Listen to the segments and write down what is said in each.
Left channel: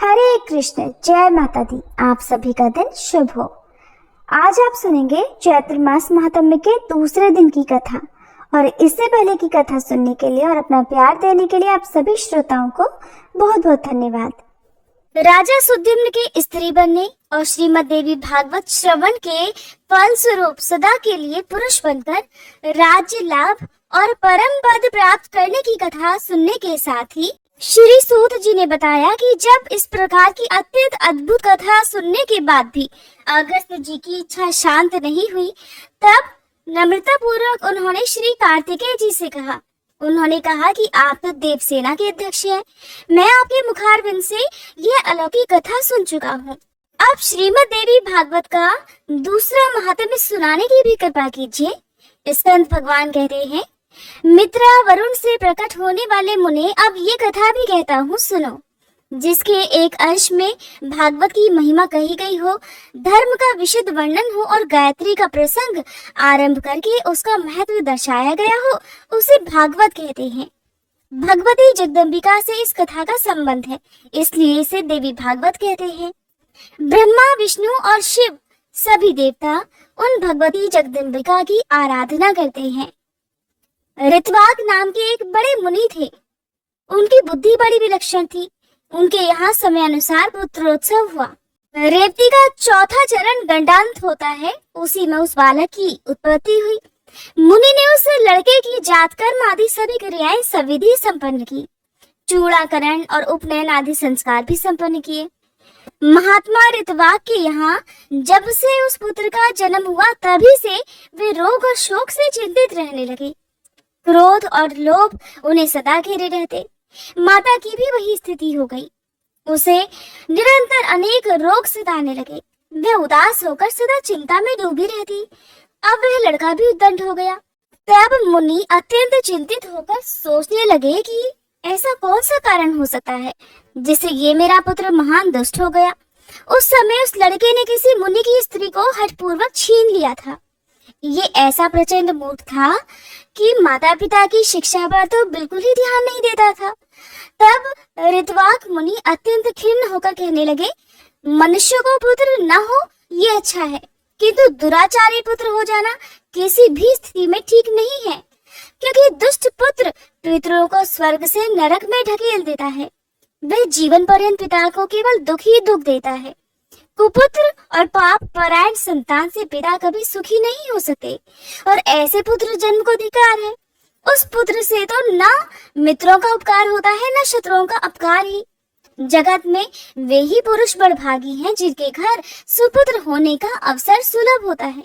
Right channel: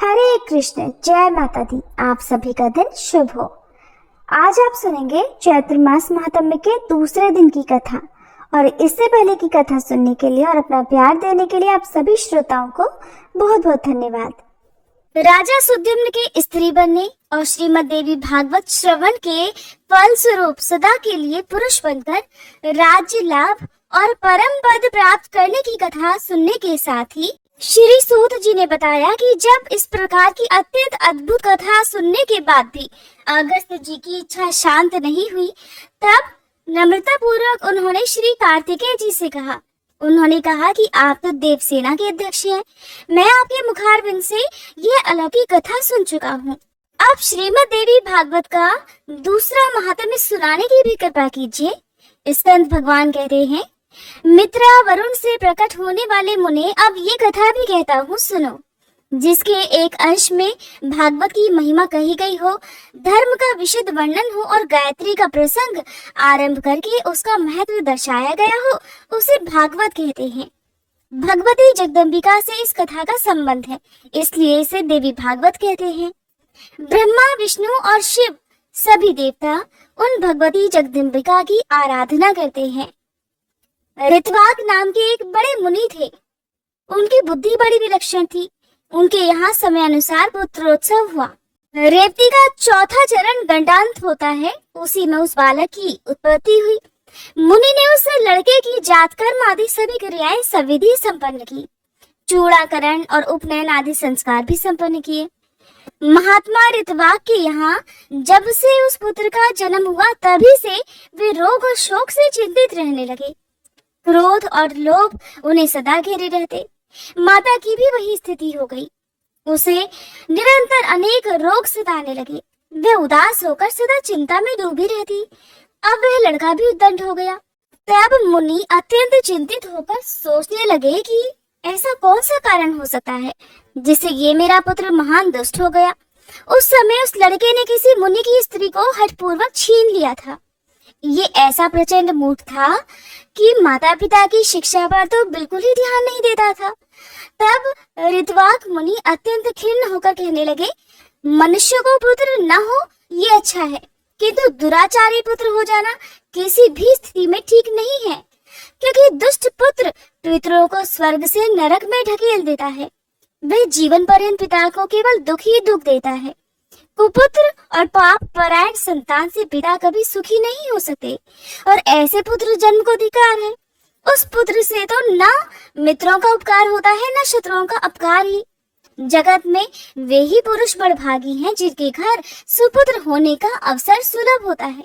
हरे कृष्ण, जय माता दी। आप सभी का दिन शुभ हो। आज आप सुनेंगे चैत्र मास महात्म्य के दूसरे दिन की कथा। और इससे पहले की कथा सुनने के लिए और अपना प्यार देने के लिए आप सभी श्रोताओं को बहुत बहुत धन्यवाद। राजा सुद्युम्न के स्त्री बनने और श्रीमद देवी भागवत श्रवण के फल स्वरूप सदा के लिए पुरुष बनकर राज्य लाभ और परम पद प्राप्त करने की कथा सुनने के साथ ही श्री सूत जी ने बताया कि जब इस प्रकार की अत्यंत अद्भुत कथा सुनने के बाद भी अगस्त्य जी की इच्छा शांत नहीं हुई, तब नम्रता पूर्वक उन्होंने श्री कार्तिकेय जी से कहा। उन्होंने कहा कि आप तो देवसेना के अध्यक्ष हैं, मैं आपके मुखारबिंद से यह अलौकिक कथा सुन चुका हूँ। अब श्रीमद देवी भागवत का दूसरा महात्म्य सुनाने की भी कृपा कीजिए। स्कंद भगवान कहते हैं, मित्रा वरुण से प्रकट होने वाले मुने, अब ये कथा भी कहता हूँ सुनो, जिसके एक अंश में भागवत की महिमा कही गई हो, धर्म का विशद वर्णन हो और गायत्री का प्रसंग आरंभ करके उसका महत्व दर्शाया गया हो, उसे भागवत कहते हैं। भगवती जगदम्बिका से इस कथा का संबंध है, इसलिए इसे देवी भागवत कहते हैं। ब्रह्मा, विष्णु और शिव सभी देवता उन भगवती जगदम्बिका की आराधना करते हैं। ऋत्वाक नाम के एक बड़े मुनि थे। उनकी बुद्धि बड़ी विलक्षण थी। उनके यहाँ समय अनुसार पुत्रोत्सव हुआ। रेवती का चौथा चरण गंडांत होता है, उसी में उस बालक की उत्पत्ति हुई। मुनि ने उस लड़के की जातकर्म आदि सभी क्रियाएं सविधि संपन्न की। चूड़ाकरण और उपनयन आदि संस्कार भी संपन्न किए। महात्मा ऋत्वाक के यहाँ जब से उस पुत्र का जन्म हुआ, तभी से वे रोग और शोक से चिंतित रहने लगे। क्रोध और लोभ उन्हें सदा घेरे रहते। माता की भी वही स्थिति हो गई। उसे निरंतर अनेक रोग सताने लगे। वह उदास होकर सदा चिंता में डूबी रहती। अब वह लड़का भी उद्दंड हो गया। तब मुनि अत्यंत चिंतित होकर सोचने लगे कि ऐसा कौन सा कारण हो सकता है जिससे ये मेरा पुत्र महान दुष्ट हो गया। उस समय उस लड़के ने किसी मुनि की स्त्री को हठपूर्वक छीन लिया था। ये ऐसा प्रचंड मूर्ख था कि माता पिता की शिक्षा पर तो बिल्कुल ही ध्यान नहीं देता था। तब ऋत्वाक मुनि अत्यंत खिन्न होकर कहने लगे, मनुष्य को पुत्र न हो ये अच्छा है, किंतु दुराचारी पुत्र हो जाना किसी भी स्थिति में ठीक नहीं है, क्योंकि दुष्ट पुत्र पितरों को स्वर्ग से नरक में ढकेल देता है। वह जीवन पर्यंत पिता को केवल दुख ही दुख देता है। कुपुत्र और पाप परायण संतान से पिता कभी सुखी नहीं हो सकते, और ऐसे पुत्र जन्म को धिक्कार है। उस पुत्र से तो न मित्रों का उपकार होता है, न शत्रुओं का अपकार ही। जगत में वे ही पुरुष बड़भागी हैं जिनके घर सुपुत्र होने का अवसर सुलभ होता है।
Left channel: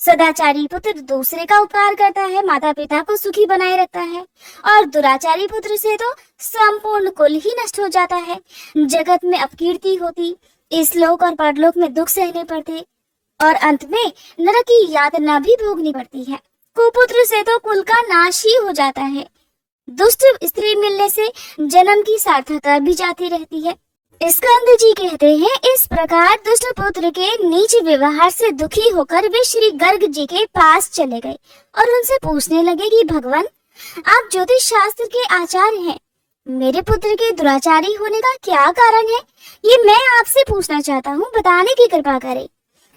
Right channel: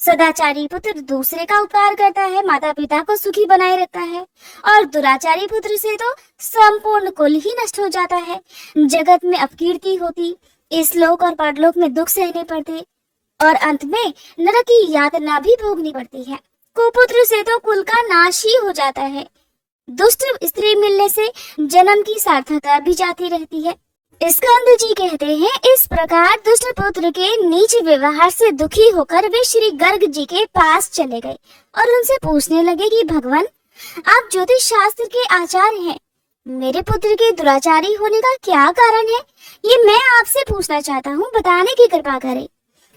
सदाचारी पुत्र दूसरे का उपकार करता है, माता पिता को सुखी बनाए रखता है, और दुराचारी पुत्र से तो संपूर्ण कुल ही नष्ट हो जाता है। जगत में अपकीर्ति होती, इस लोक और परलोक में दुख सहने पड़ते, और अंत में नरक की यातना भी भोगनी पड़ती है। कुपुत्र से तो कुल का नाश ही हो जाता है। दुष्ट स्त्री मिलने से जन्म की सार्थकता भी जाती रहती है। स्कंद जी कहते हैं, इस प्रकार दुष्ट पुत्र के नीच व्यवहार से दुखी होकर वे श्री गर्ग जी के पास चले गए और उनसे पूछने लगे कि भगवान, आप ज्योतिष शास्त्र के आचार्य हैं, मेरे पुत्र के दुराचारी होने का क्या कारण है, ये मैं आपसे पूछना चाहता हूँ, बताने की कृपा करें।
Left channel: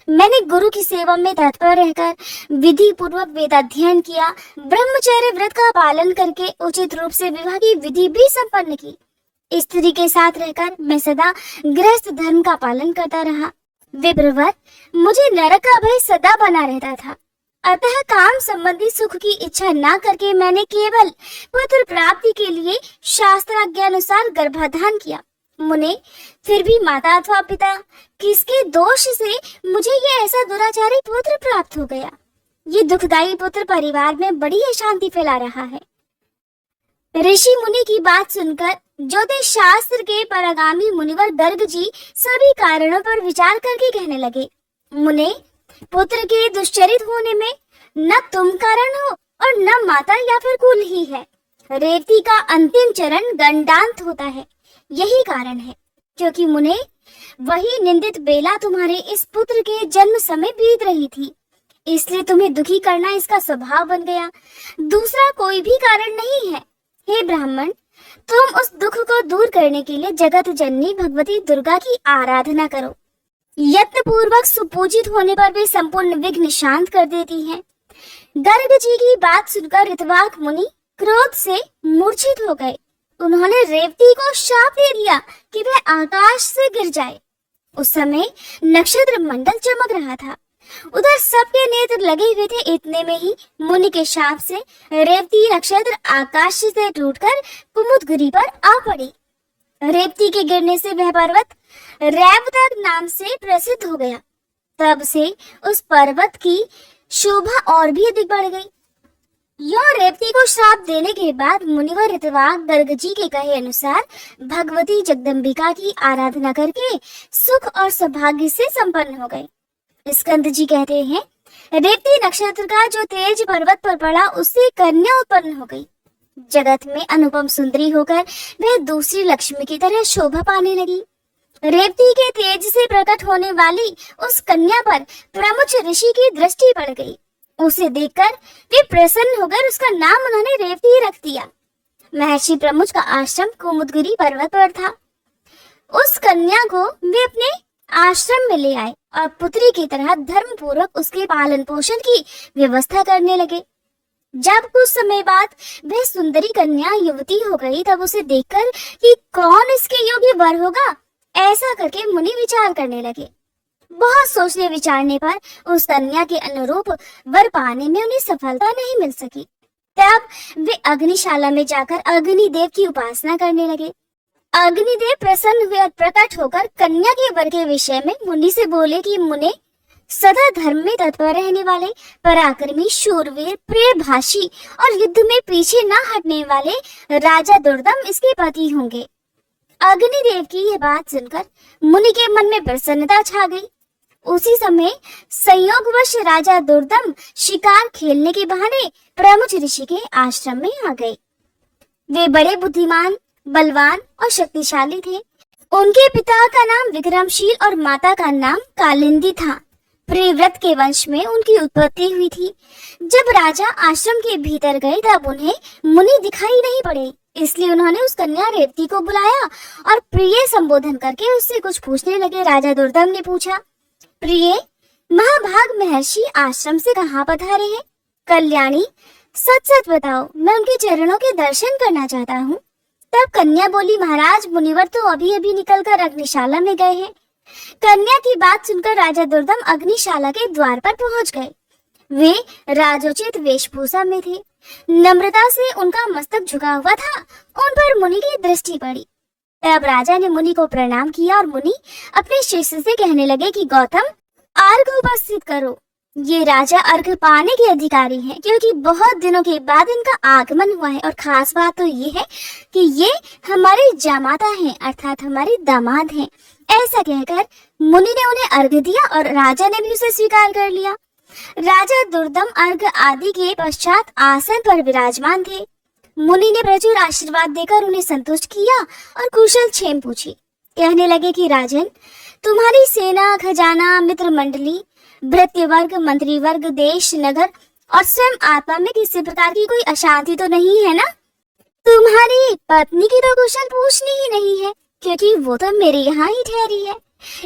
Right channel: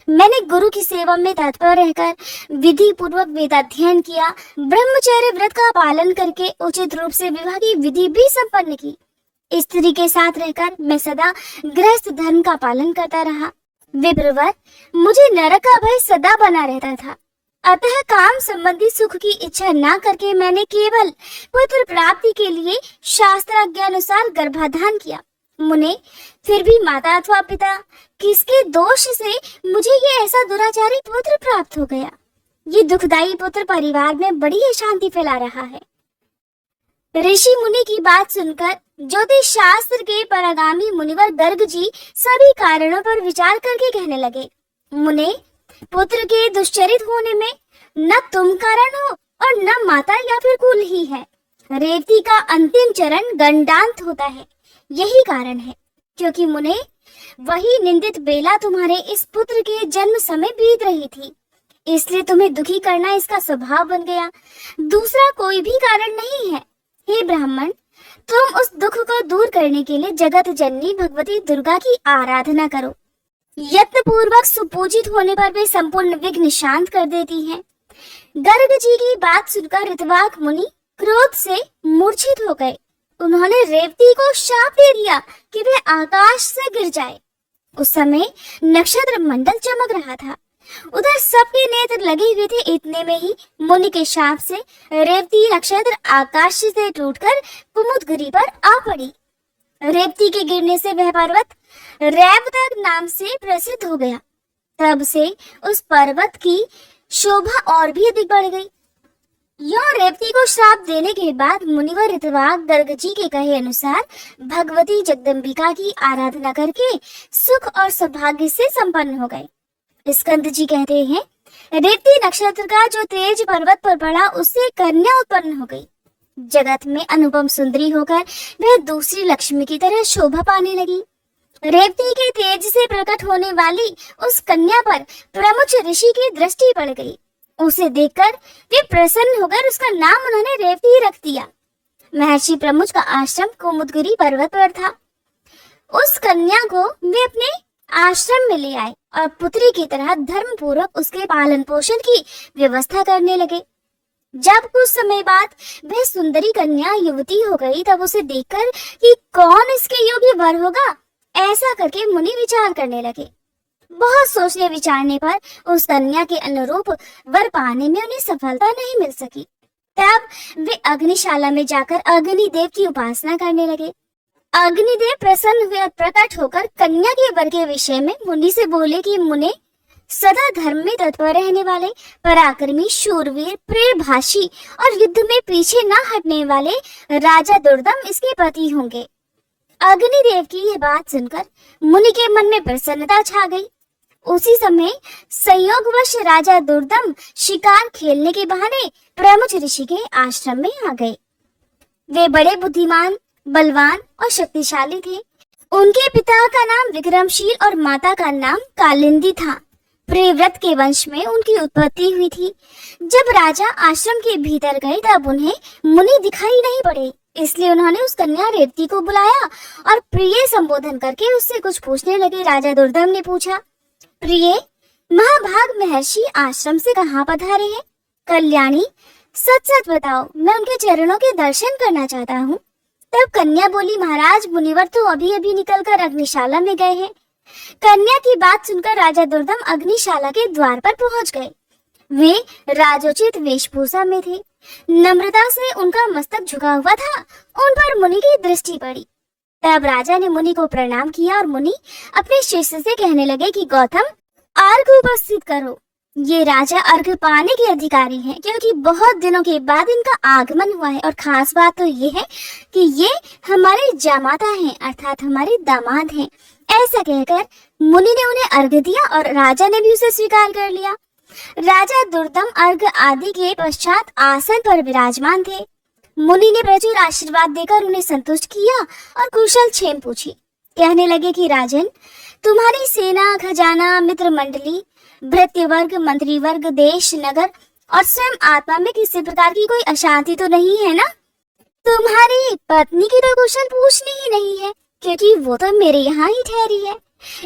मैंने गुरु की सेवा में तत्पर रहकर विधि पूर्वक वेदाध्ययन किया, ब्रह्मचर्य व्रत का पालन करके उचित रूप से विवाह की विधि भी संपन्न की। स्त्री के साथ रहकर मैं सदा गृहस्थ धर्म का पालन करता रहा। विप्रवर, मुझे नरक का भय सदा बना रहता था। अतः काम संबंधी सुख की इच्छा न करके मैंने केवल पुत्र प्राप्ति के लिए शास्त्राज्ञानुसार गर्भाधान किया। मुने, फिर भी माता अथवा पिता किसके दोष से मुझे ये ऐसा दुराचारी पुत्र प्राप्त हो गया। ये दुखदायी पुत्र परिवार में बड़ी अशांति फैला रहा है। ऋषि मुनि की बात सुनकर ज्योतिष शास्त्र के परागामी मुनिवर गर्ग जी सभी कारणों पर विचार करके कहने लगे, मुने, पुत्र के दुश्चरित होने में न तुम कारण हो और न माता या फिर कुल ही है। रेवती का अंतिम चरण गंडांत होता है, यही कारण है। क्योंकि मुने, वही निंदित बेला तुम्हारे इस पुत्र के जन्म समय बीत रही थी, इसलिए तुम्हें दुखी करना इसका स्वभाव बन गया। दूसरा कोई भी कारण नहीं है। हे ब्राह्मण, तुम उस दुख को दूर करने के लिए जगत जननी भगवती दुर्गा की आराधना करो। यत्न पूर्वक सुपूजित होने पर वे संपूर्ण विघ्न शांत कर देती हैं। गर्ग जी की बात सुनकर ऋतवाक मुनि क्रोध से मूर्छित हो गए। उन्होंने रेवती को शाप दे दिया कि वह आकाश से गिर जाए। उस समय नक्षत्र मंडल चमक रहा था। उधर सबके नेत्र लगे हुए थे। इतने में ही मुनि के शाप से रेवती नक्षत्र आकाश से टूटकर कुमुदगिरी पर आ पड़ी। रेवती के गिरने से वह पर्वत रैवतक नाम से प्रसिद्ध हो गया। तब से उस पर्वत की शोभा और भी अधिक बढ़ गई। यों रेवती को श्राप देने के बाद मुनिवर ऋतवाक गर्ग जी के कहे अनुसार भगवती जगदम्बिका की आराधना करके सुख और सौभाग्य से संपन्न हो गए। स्कंद जी कहते हैं, रेवती नक्षत्र का जो तेज पर्वत पर पड़ा उससे कन्या उत्पन्न हो गई। जगत में अनुपम सुंदरी होकर वह दूसरी लक्ष्मी की तरह शोभा पाने लगी। रेवती के तेज से प्रकट होने वाली उस कन्या पर प्रमुच ऋषि की दृष्टि पड़ गई। उसे देखकर वे प्रसन्न होकर उसका नाम उन्होंने रेवती रख दिया। महर्षि प्रमुच का आश्रम कुमुदगिरी पर्वत पर था। उस कन्या को वे अपने आश्रम में ले आए और पुत्री की तरह धर्म पूर्वक उसके पालन पोषण की व्यवस्था करने लगे। जब कुछ समय बाद वह सुंदरी कन्या युवती हो गई, तब उसे देखकर कि कौन इसके योग्य वर होगा, ऐसा करके मुनि विचार करने लगे। बहुत सोचने विचारने पर उस कन्या के अनुरूप वर पाने में उन्हें सफलता नहीं मिल सकी। तब वे अग्निशाला में जाकर अग्निदेव की उपासना करने लगे। अग्निदेव प्रसन्न हुए और प्रकट होकर कन्या के वर के विषय में मुनि से बोले कि मुने, सदा धर्म में तत्पर रहने वाले, पराक्रमी, शूरवीर, प्रियभाषी और युद्ध में पीछे न हटने वाले राजा दुर्दम इसके पति होंगे। अग्निदेव की यह बात सुनकर मुनि के मन में प्रसन्नता छा गई। उसी समय संयोगवश राजा दुर्दम शिकार खेलने के बहाने प्रमुख ऋषि के आश्रम में आ गए। वे बड़े बुद्धिमान, बलवान और शक्तिशाली थे। उनके पिता का नाम विक्रमशील और माता का नाम कालिंदी था। प्रियव्रत के वंश में उनकी उत्पत्ति हुई थी। जब राजा आश्रम के भीतर गए तब उन्हें मुनि दिखाई नहीं पड़े, इसलिए उन्होंने उस कन्या रेवती को बुलाया और प्रिय संबोधन करके उससे कुछ पूछने लगे। राजा दुर्दम ने पूछा, प्रिय, महाभाग महर्षि आश्रम से कहाँ पधारे हैं? कल्याणी, सच सच बताओ, मैं उनके चरणों के दर्शन करना चाहता हूँ। तब कन्या बोली, महाराज, मुनिवर तो अभी अभी निकलकर अग्निशाला में गए हैं। कन्या की बात सुनकर राजा दुर्दम अग्निशाला के द्वार पर पहुंच गए। वे राजोचित वेशभूषा में थे। नम्रता से उनका मस्तक झुका हुआ था। उन पर मुनि की दृष्टि पड़ी। तब राजा ने मुनि को प्रणाम किया और मुनि अपने शिष्य से कहने लगे कि गौतम, अर्घ्य उपस्थित करो। ये राजा अर्घ्य पाने के अधिकारी हैं, क्योंकि बहुत दिनों के बाद इनका आगमन हुआ है। और खास बात तो ये है कि ये हमारे जामाता हैं, अर्थात हमारे दामाद हैं। ऐसा कहकर मुनि ने उन्हें अर्घ्य दिया और राजा ने भी उसे स्वीकार कर लिया। राजा दुर्दम अर्घ्य आदि के पश्चात आसन पर विराजमान थे। मुनि ने प्रचुर आशीर्वाद देकर उन्हें संतुष्ट किया और कुशल क्षेम पूछी। कहने लगे कि राजन, तुम्हारी सेना, खजाना, मित्र मंडली, भृत्य वर्ग, मंत्री वर्ग, देश, नगर और स्वयं आत्मा में किसी प्रकार की कोई अशांति तो नहीं है ना? तुम्हारी पत्नी की तो कुशल पूछनी ही नहीं है, क्योंकि वो तो मेरे यहाँ ही ठहरी है।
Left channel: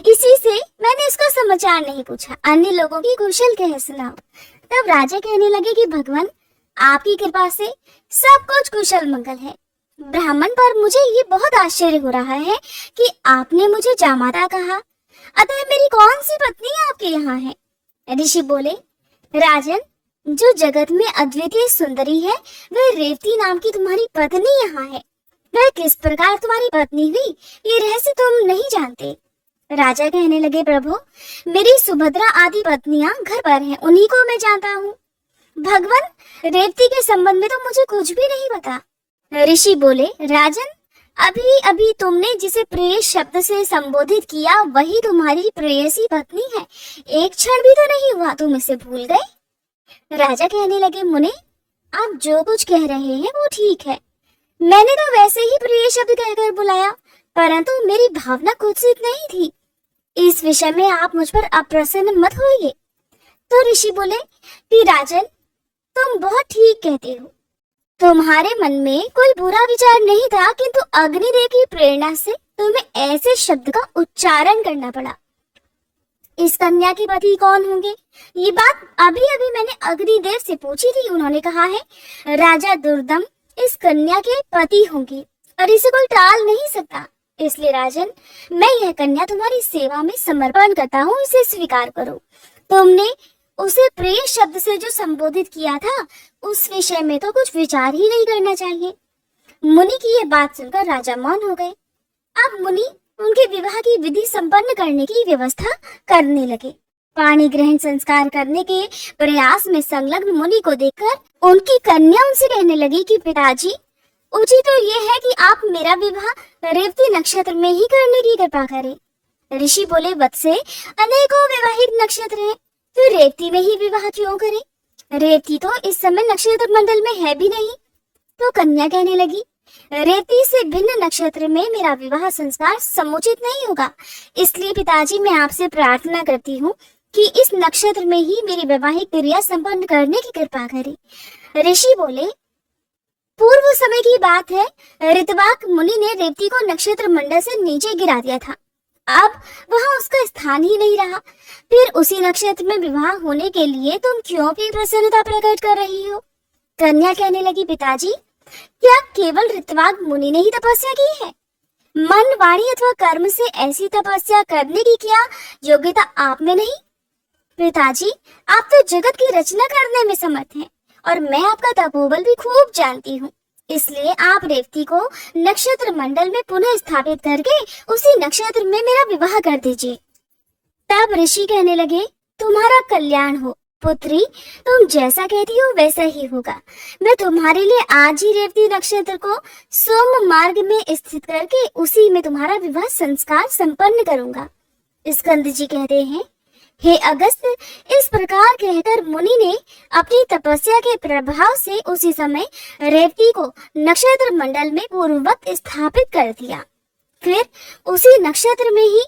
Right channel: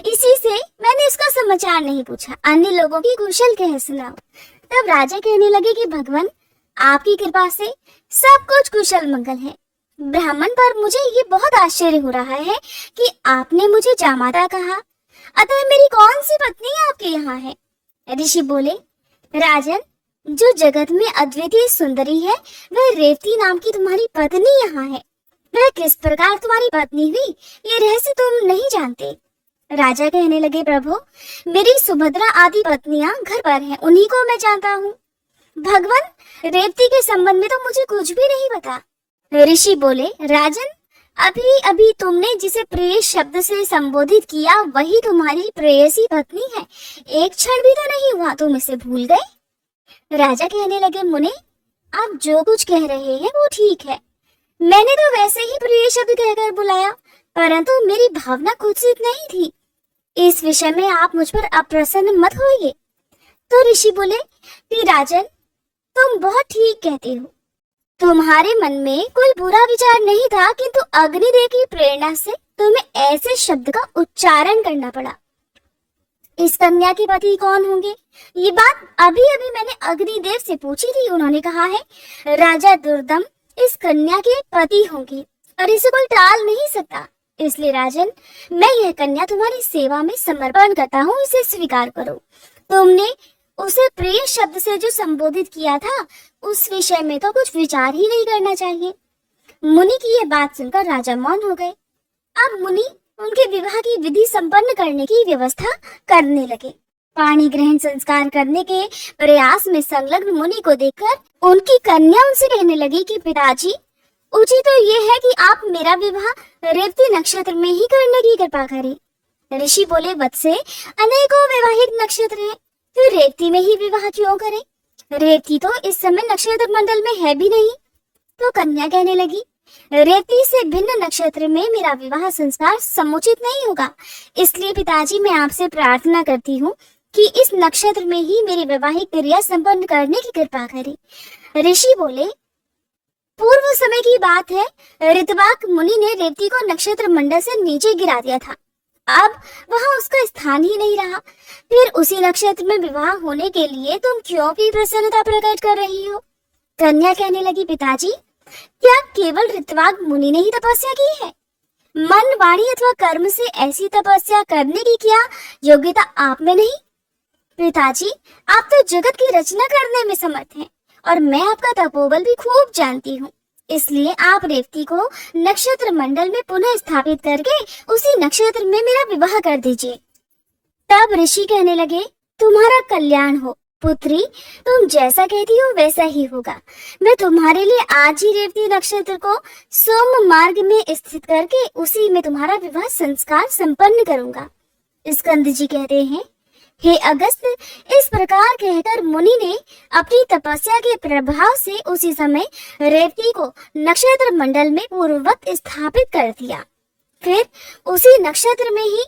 इसी से मैंने इसका समाचार नहीं पूछा। अन्य लोगों की कुशल कह सुनाओ। तब राजा कहने लगे कि भगवान, आपकी कृपा से सब कुछ कुशल मंगल है। ब्राह्मण, पर मुझे ये बहुत आश्चर्य हो रहा है कि आपने मुझे जामाता कहा, अतः मेरी कौन सी पत्नी आपके यहाँ है? ऋषि बोले, राजन, जो जगत में अद्वितीय सुंदरी है वह रेवती नाम की तुम्हारी पत्नी यहाँ है। वह किस प्रकार तुम्हारी पत्नी हुई, ये रहस्य तुम नहीं जानते। राजा कहने लगे, प्रभु, मेरी सुभद्रा आदि पत्नियां घर पर हैं, उन्हीं को मैं जानता हूँ। भगवान, रेवती के संबंध में तो मुझे कुछ भी नहीं पता। ऋषि बोले, राजन, अभी अभी तुमने जिसे प्रेय शब्द से संबोधित किया वही तुम्हारी प्रेयसी पत्नी है। एक क्षण भी तो नहीं हुआ तुम इसे भूल गए। राजा कहने लगे, मुने, आप जो कुछ कह रहे हैं वो ठीक है। मैंने तो वैसे ही प्रिय शब्द कहकर बुलाया, परंतु मेरी भावना कुत्सित नहीं थी। इस विषय में आप मुझ पर अप्रसन्न मत होइए। तो ऋषि बोले कि राजन, तुम बहुत ठीक कहते हो। तुम्हारे मन में कोई बुरा विचार नहीं था, किंतु अग्निदेव की प्रेरणा से तुम्हें ऐसे शब्द का उच्चारण करना पड़ा। इस कन्या के पति कौन होंगे? ये बात अभी अभी मैंने अग्निदेव से पूछी थी। उन्होंने कहा है राजा दुर्दम इस कन्या के पति होंगे और इसे कोई टाल नहीं सकता। इसलिए राजन, मैं यह कन्या तुम्हारी सेवा में समर्पण करता हूँ, इसे स्वीकार करो। तुमने उसे प्रिय शब्द से जो संबोधित किया था, उस विषय में तो कुछ विचार ही नहीं करना चाहिए। मुनि की यह बात सुनकर राजा मौन हो गए। अब मुनि उनके विवाह की विधि संपन्न करने की व्यवस्था करने लगे। पाणी ग्रहण संस्कार करने के प्रयास में संलग्न मुनि को देखकर उनकी कन्या उनसे कहने लगी कि पिताजी, उचित तो ये है कि आप मेरा विवाह रेवती नक्षत्र में ही करने की कृपा करें। ऋषि बोले, वत्से, अनेकों वैवाहिक नक्षत्र हैं, फिर रेवती में ही विवाह क्यों करें? रेवती तो इस समय नक्षत्र मंडल में है भी नहीं। तो कन्या कहने लगी, रेवती से भिन्न नक्षत्र में मेरा विवाह संस्कार समुचित नहीं होगा। इसलिए पिताजी, मैं आपसे प्रार्थना करती हूँ कि इस नक्षत्र में ही मेरी वैवाहिक क्रिया संपन्न करने की कृपा करें। ऋषि बोले, पूर्व समय की बात है, ऋतवाक मुनि ने रेवती को नक्षत्र मंडल से नीचे गिरा दिया था। अब वहां उसका स्थान ही नहीं रहा। फिर उसी नक्षत्र में विवाह होने के लिए तुम क्यों भी प्रसन्नता प्रकट कर रही हो? कन्या कहने लगी, पिताजी, क्या केवल ऋतवाक मुनि ने ही तपस्या की है? मन, वाणी अथवा कर्म से ऐसी तपस्या करने की क्या योग्यता आप में नहीं? पिताजी, आप तो जगत की रचना करने में समर्थ हैं और मैं आपका तपोबल भी खूब जानती हूँ। इसलिए आप रेवती को नक्षत्र मंडल में पुनः स्थापित करके उसी नक्षत्र में मेरा विवाह कर दीजिए। तब ऋषि कहने लगे, तुम्हारा कल्याण हो पुत्री, तुम जैसा कहती हो वैसा ही होगा। मैं तुम्हारे लिए आज ही रेवती नक्षत्र को सोम मार्ग में स्थित करके उसी में तुम्हारा विवाह संस्कार संपन्न करूंगा। स्कंद जी कहते हैं, हे अगस्त, इस प्रकार कहकर मुनि ने अपनी तपस्या के प्रभाव से उसी समय रेवती को नक्षत्र मंडल में पूर्ववत स्थापित कर दिया। फिर उसी नक्षत्र में ही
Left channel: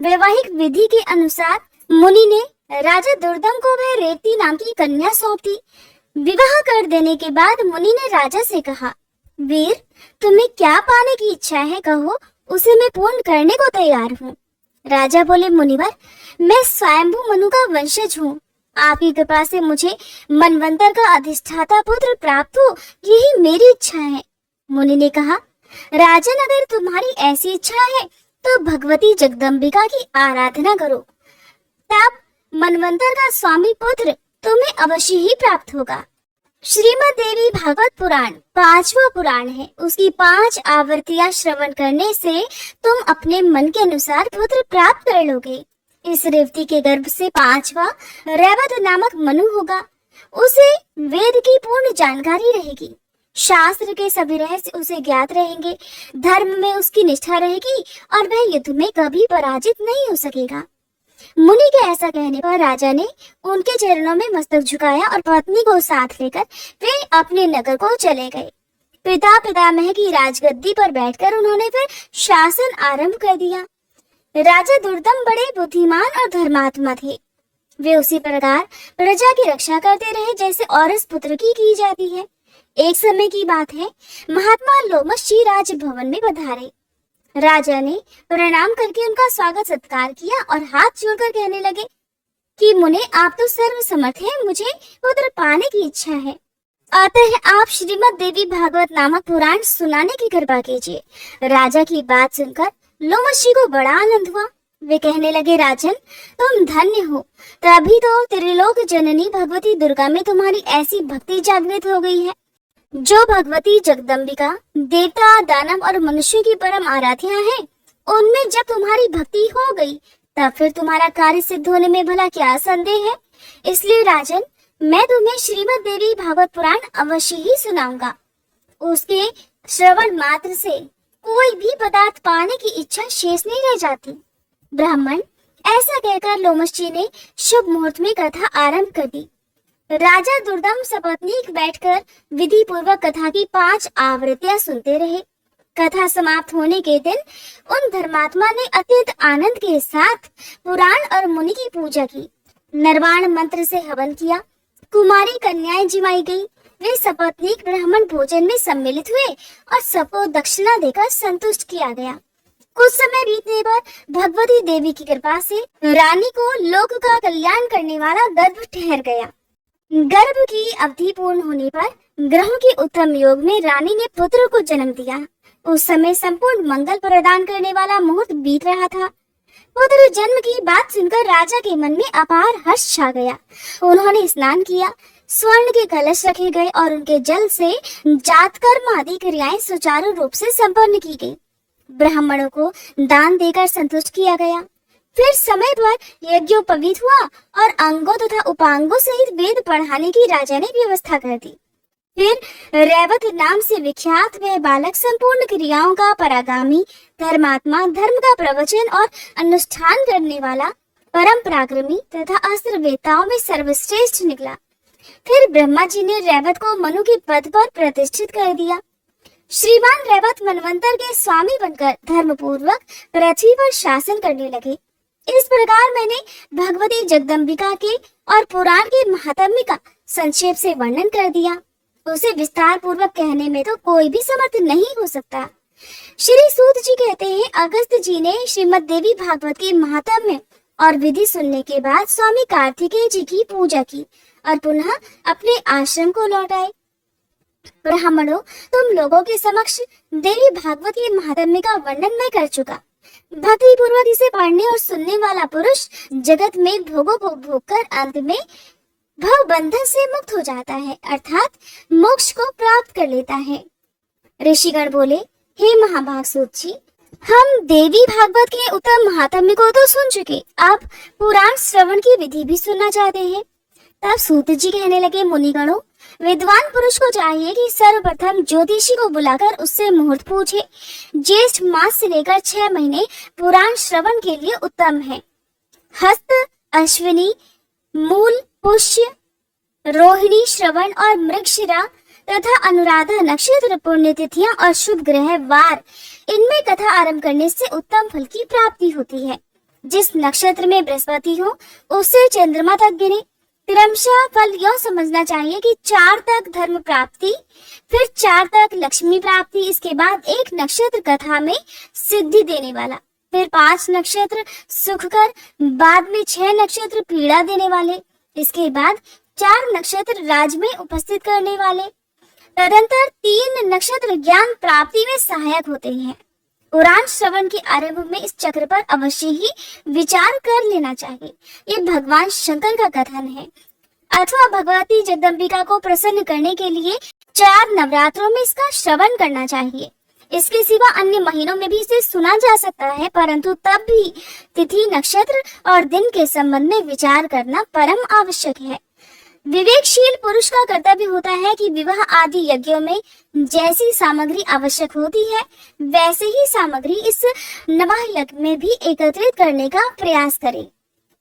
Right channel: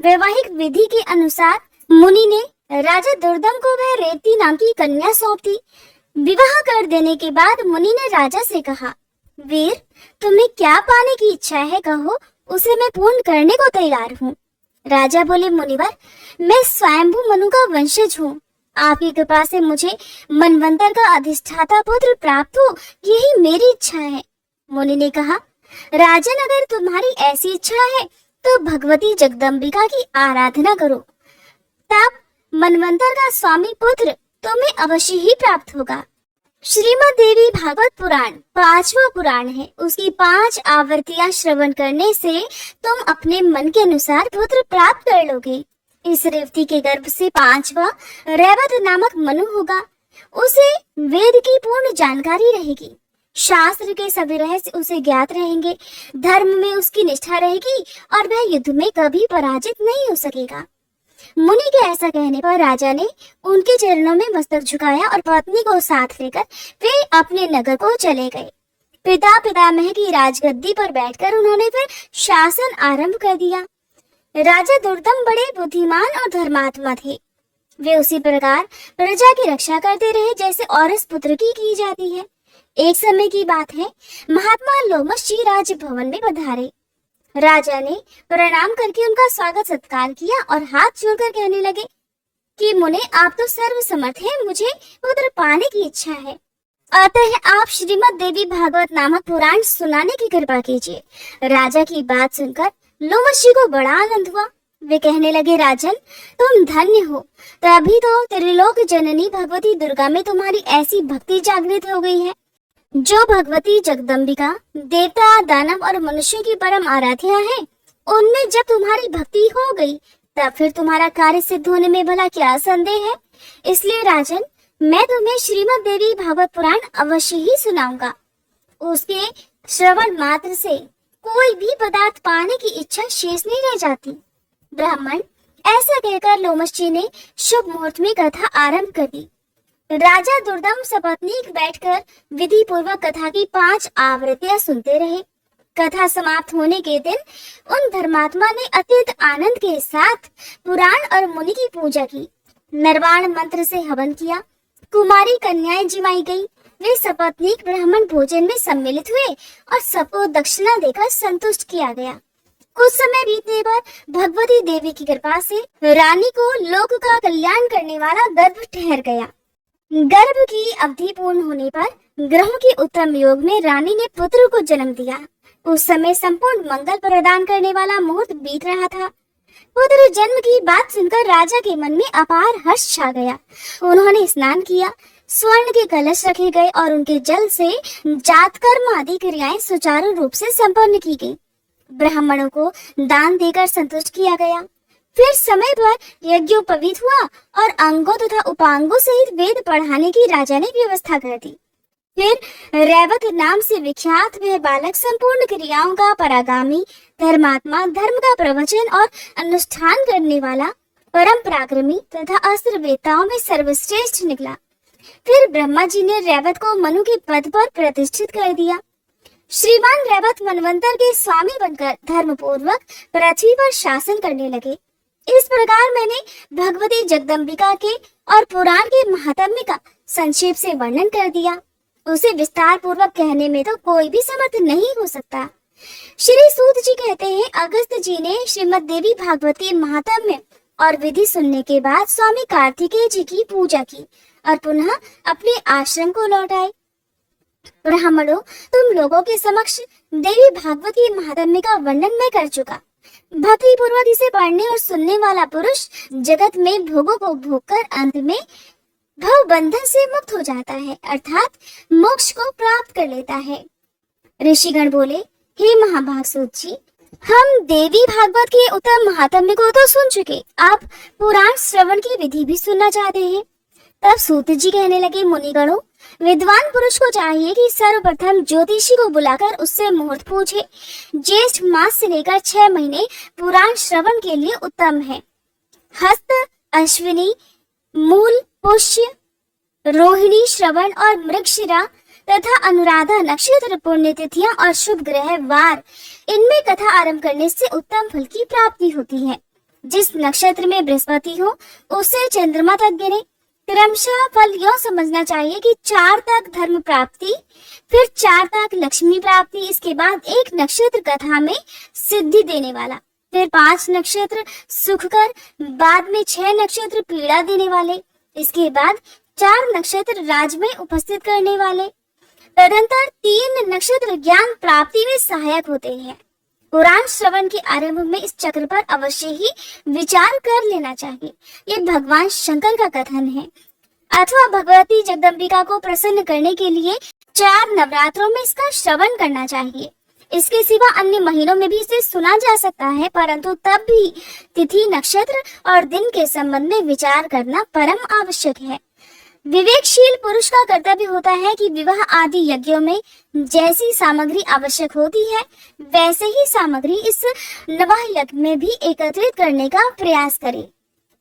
वैवाहिक विधि के अनुसार मुनि ने राजा दुर्दम को वह रेवती नाम की कन्या सौंप दी। विवाह कर देने के बाद मुनि ने राजा से कहा, वीर, तुम्हें क्या पाने की इच्छा है, कहो, उसे मैं पूर्ण करने को तैयार हूँ। राजा बोले, मुनिवर, मैं स्वयंभू मनु का वंशज हूँ। आपकी कृपा से मुझे मनवंतर का अधिष्ठाता पुत्र प्राप्त हो, यही मेरी इच्छा है। मुनि ने कहा, राजन, अगर तुम्हारी ऐसी इच्छा है तो भगवती जगदम्बिका की आराधना करो, तब मनवंतर का स्वामी पुत्र तुम्हें अवश्य ही प्राप्त होगा। श्रीमद् देवी भागवत पुराण 5वां पुराण है। उसकी 5 आवृत्तियां श्रवण करने से तुम अपने मन के अनुसार पुत्र प्राप्त कर लोगे। इस रेवती के गर्भ से 5वां रैवत नामक मनु होगा। उसे वेद की पूर्ण जानकारी रहेगी, शास्त्र के सभी रहस्य उसे ज्ञात रहेंगे, धर्म में उसकी निष्ठा रहेगी और वह युद्ध में कभी पराजित नहीं हो सकेगा। मुनि के ऐसा कहने पर राजा ने उनके चरणों में मस्तक झुकाया और पत्नी को साथ लेकर वे अपने नगर को चले गए। पिता पितामह की राजगद्दी पर बैठकर उन्होंने फिर शासन आरंभ कर दिया। राजा दुर्दम बड़े बुद्धिमान और धर्मात्मा थे। वे उसी प्रकार प्रजा की रक्षा करते रहे जैसे औरस पुत्र की जाती है। एक समय की बात है, महात्मा लोमश जी राजभवन में पधारे। राजा ने प्रणाम करके उनका स्वागत सत्कार किया और हाथ जोड़कर कहने लगे कि मुने, आप तो सर्वसमर्थ हैं, मुझे पुत्र पाने की इच्छा है, अतः आप श्रीमद् देवी भागवत नामक पुराण सुनाने की कृपा कीजिए। राजा की बात सुनकर लोमश जी को बड़ा आनंद हुआ। वे कहने लगे, राजन, तुम धन्य हो, तभी तो त्रिलोक जननी भगवती दुर्गा में तुम्हारी ऐसी भक्ति जागृत हो गई है। जो भगवती जगदम्बिका देवता, दानव और मनुष्य की परम आराध्या है, उनमें जब तुम्हारी भक्ति हो गई तब फिर तुम्हारा कार्य सिद्ध होने में भला क्या संदेह है। इसलिए राजन, मैं तुम्हें श्रीमद् देवी भागवत पुराण अवश्य ही सुनाऊंगा। उसके श्रवण मात्र से कोई भी पदार्थ पाने की इच्छा शेष नहीं रह जाती। ब्राह्मण, ऐसा कहकर लोमश जी ने शुभ मुहूर्त में कथा आरंभ कर दी। राजा दुर्दम सपत्नीक बैठकर विधि पूर्वक कथा की 5 आवृत्तियां सुनते रहे। कथा समाप्त होने के दिन उन धर्मात्मा ने अत्यंत आनंद के साथ पुराण और मुनि की पूजा की। निर्वाण मंत्र से हवन किया, कुमारी कन्याएं जिमाई गई, वे सपत्नीक ब्राह्मण भोजन में सम्मिलित हुए और सबको दक्षिणा देकर संतुष्ट किया गया। कुछ समय बीतने पर भगवती देवी की कृपा से रानी को लोक का कल्याण करने वाला गर्भ ठहर गया। गर्भ की अवधि पूर्ण होने पर ग्रहों के उत्तम योग में रानी ने पुत्र को जन्म दिया। उस समय संपूर्ण मंगल प्रदान करने वाला मुहूर्त बीत रहा था। पुत्र जन्म की बात सुनकर राजा के मन में अपार हर्ष छा गया। उन्होंने स्नान किया, स्वर्ण के कलश रखे गए और उनके जल से जातकर्म आदि क्रियाएं सुचारू रूप से संपन्न की गई। ब्राह्मणों को दान देकर संतुष्ट किया गया। फिर समय पर यज्ञोपवीत हुआ और अंगों तथा उपांगों सहित वेद पढ़ाने की राजा ने व्यवस्था कर दी। फिर रैवत नाम से विख्यात वह बालक संपूर्ण क्रियाओं का परागामी, धर्मात्मा, धर्म का प्रवचन और अनुष्ठान करने वाला, परम पराक्रमी तथा अस्त्र वेताओं में सर्वश्रेष्ठ निकला। फिर ब्रह्मा जी ने रैवत को मनु के पद पर प्रतिष्ठित कर दिया। श्रीमान रैवत मनवंतर के स्वामी बनकर धर्म पूर्वक पृथ्वी पर शासन करने लगे। इस प्रकार मैंने भगवती जगदम्बिका के और पुराण के महात्म्य का संक्षेप से वर्णन कर दिया। उसे विस्तार पूर्वक कहने में तो कोई भी समर्थ नहीं हो सकता। श्री सूत जी कहते हैं, अगस्त जी ने श्रीमद देवी भागवत के महात्म्य और विधि सुनने के बाद स्वामी कार्तिकेय जी की पूजा की और पुनः अपने आश्रम को लौट आए। ब्राह्मणों, तुम लोगों के समक्ष देवी भागवत के महात्म्य का वर्णन मैं कर चुका। भक्ति पूर्वक इसे पढ़ने और सुनने वाला पुरुष जगत में भोगों को भोगकर अंत में भव बंधन से मुक्त हो जाता है, अर्थात मोक्ष को प्राप्त कर लेता है। ऋषिगण बोले, हे महाभाग सूत जी, हम देवी भागवत के उत्तम महात्म्य को तो सुन चुके, अब पुराण श्रवण की विधि भी सुनना चाहते हैं। तब सूत जी कहने लगे, मुनिगणों, विद्वान पुरुष को चाहिए कि सर्वप्रथम ज्योतिषी को बुलाकर उससे मुहूर्त पूछे। ज्येष्ठ मास से लेकर 6 महीने पुराण श्रवण के लिए उत्तम है। हस्त, अश्विनी, मूल, पुष्य, रोहिणी, श्रवण और मृगशिरा तथा अनुराधा नक्षत्र पुण्यतिथियां और शुभ ग्रह वार, इनमें कथा आरंभ करने से उत्तम फल की प्राप्ति होती है। जिस नक्षत्र में बृहस्पति हो उसे चंद्रमा तक गिने। क्रमशः फल यह समझना चाहिए कि 4 तक धर्म प्राप्ति, फिर 4 तक लक्ष्मी प्राप्ति, इसके बाद 1 नक्षत्र कथा में सिद्धि देने वाला, फिर 5 नक्षत्र सुखकर, बाद में 6 नक्षत्र पीड़ा देने वाले, इसके बाद 4 नक्षत्र राज में उपस्थित करने वाले, तदंतर 3 नक्षत्र ज्ञान प्राप्ति में सहायक होते हैं। पुराण श्रवण के आरंभ में इस चक्र पर अवश्य ही विचार कर लेना चाहिए। ये भगवान शंकर का कथन है। अथवा भगवती जगदम्बिका को प्रसन्न करने के लिए 4 नवरात्रों में इसका श्रवण करना चाहिए। इसके सिवा अन्य महीनों में भी इसे सुना जा सकता है, परंतु तब भी तिथि, नक्षत्र और दिन के संबंध में विचार करना परम आवश्यक है। विवेकशील पुरुष का कर्तव्य होता है कि विवाह आदि यज्ञों में जैसी सामग्री आवश्यक होती है वैसे ही सामग्री इस नवाह यज्ञ में भी एकत्रित करने का प्रयास करे।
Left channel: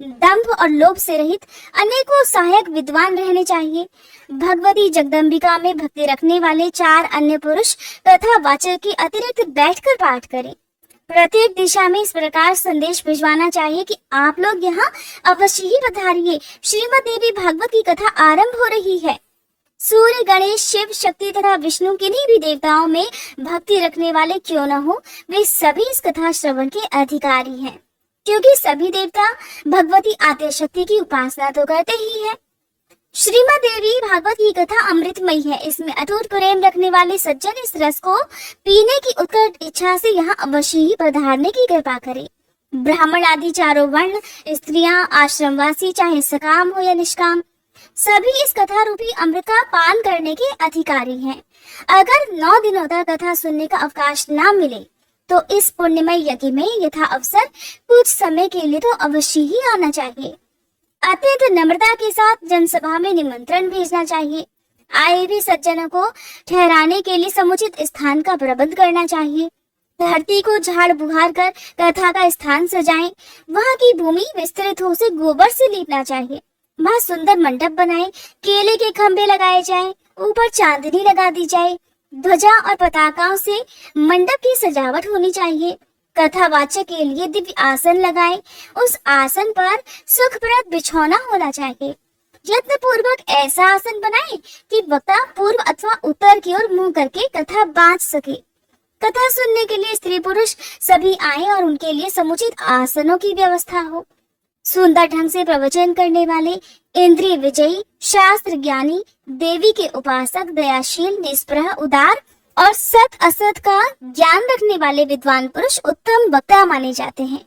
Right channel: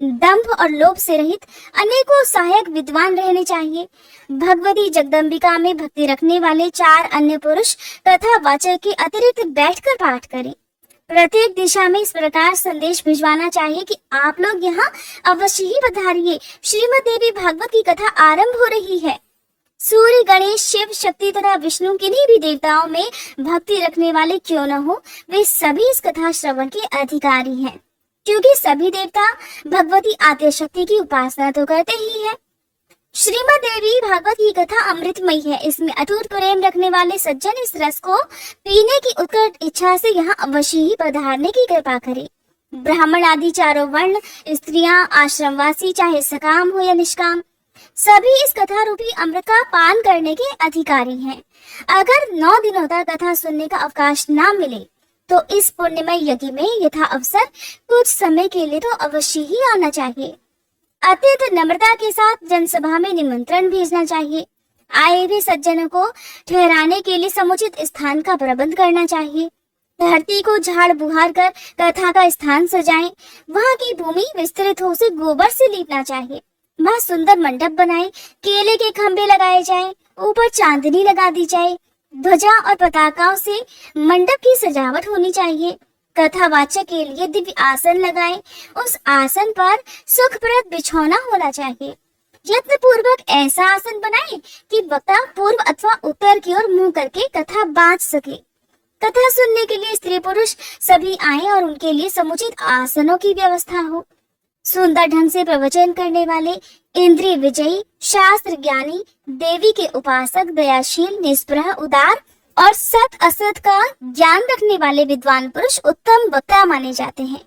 दंभ और लोभ से रहित अनेकों सहायक विद्वान रहने चाहिए। भगवती जगदम्बिका में भक्ति रखने वाले 4 अन्य पुरुष तथा वाचक के अतिरिक्त बैठकर पाठ करें। प्रत्येक दिशा में इस प्रकार संदेश भिजवाना चाहिए कि आप लोग यहाँ अवश्य ही पधारिए, श्रीमद देवी भागवत की कथा आरंभ हो रही है। सूर्य, गणेश, शिव, शक्ति तथा विष्णु किन्हीं भी देवताओं में भक्ति रखने वाले क्यों न हो, वे सभी इस कथा श्रवण के अधिकारी हैं, क्योंकि सभी देवता भगवती आद्य शक्ति की उपासना तो करते ही हैं। श्रीमद देवी भागवत की कथा अमृतमयी है। इसमें अटूट प्रेम रखने वाले सज्जन इस रस को पीने की उत्कट इच्छा से यहाँ अवश्य ही पधारने की कृपा करें। ब्राह्मण आदि 4 वर्ण, स्त्रियां, आश्रमवासी, चाहे सकाम हो या निष्काम, सभी इस कथा रूपी अमृत का पान करने के अधिकारी हैं। अगर 9 दिनों तक कथा सुनने का अवकाश न मिले तो इस पुण्यमय यज्ञ में यथा अवसर कुछ समय के लिए तो अवश्य ही आना चाहिए। अत्यंत नम्रता के साथ जनसभा में निमंत्रण भेजना चाहिए। आए हुए सज्जनों को ठहराने के लिए समुचित स्थान का प्रबंध करना चाहिए। धरती को झाड़ बुहार कर कथा का स्थान सजाएं। वहाँ की भूमि विस्तृत हो उसे गोबर से लीपना चाहिए। वहाँ सुंदर मंडप बनाएं, केले के खंभे लगाए जाएं, ऊपर चांदनी लगा दी जाए, ध्वजा और पताकाओं से मंडप की सजावट होनी चाहिए। कथावाचक के लिए दिव्य आसन लगाएं। उस आसन पर सुखप्रद बिछौना होना चाहिए। यत्न पूर्वक ऐसा आसन बनाएं कि वक्ता पूर्व अथवा उत्तर की ओर मुंह करके कथा बांध सके। कथा सुनने के लिए स्त्री पुरुष सभी आए और उनके लिए समुचित आसनों की व्यवस्था हो। सुंदर ढंग से प्रवचन करने वाले, इंद्रिय विजयी, शास्त्र ज्ञानी, देवी के उपासक, दयाशील, निष्पृह, उदार और सत असत का ज्ञान रखने वाले विद्वान पुरुष उत्तम वक्ता माने जाते हैं।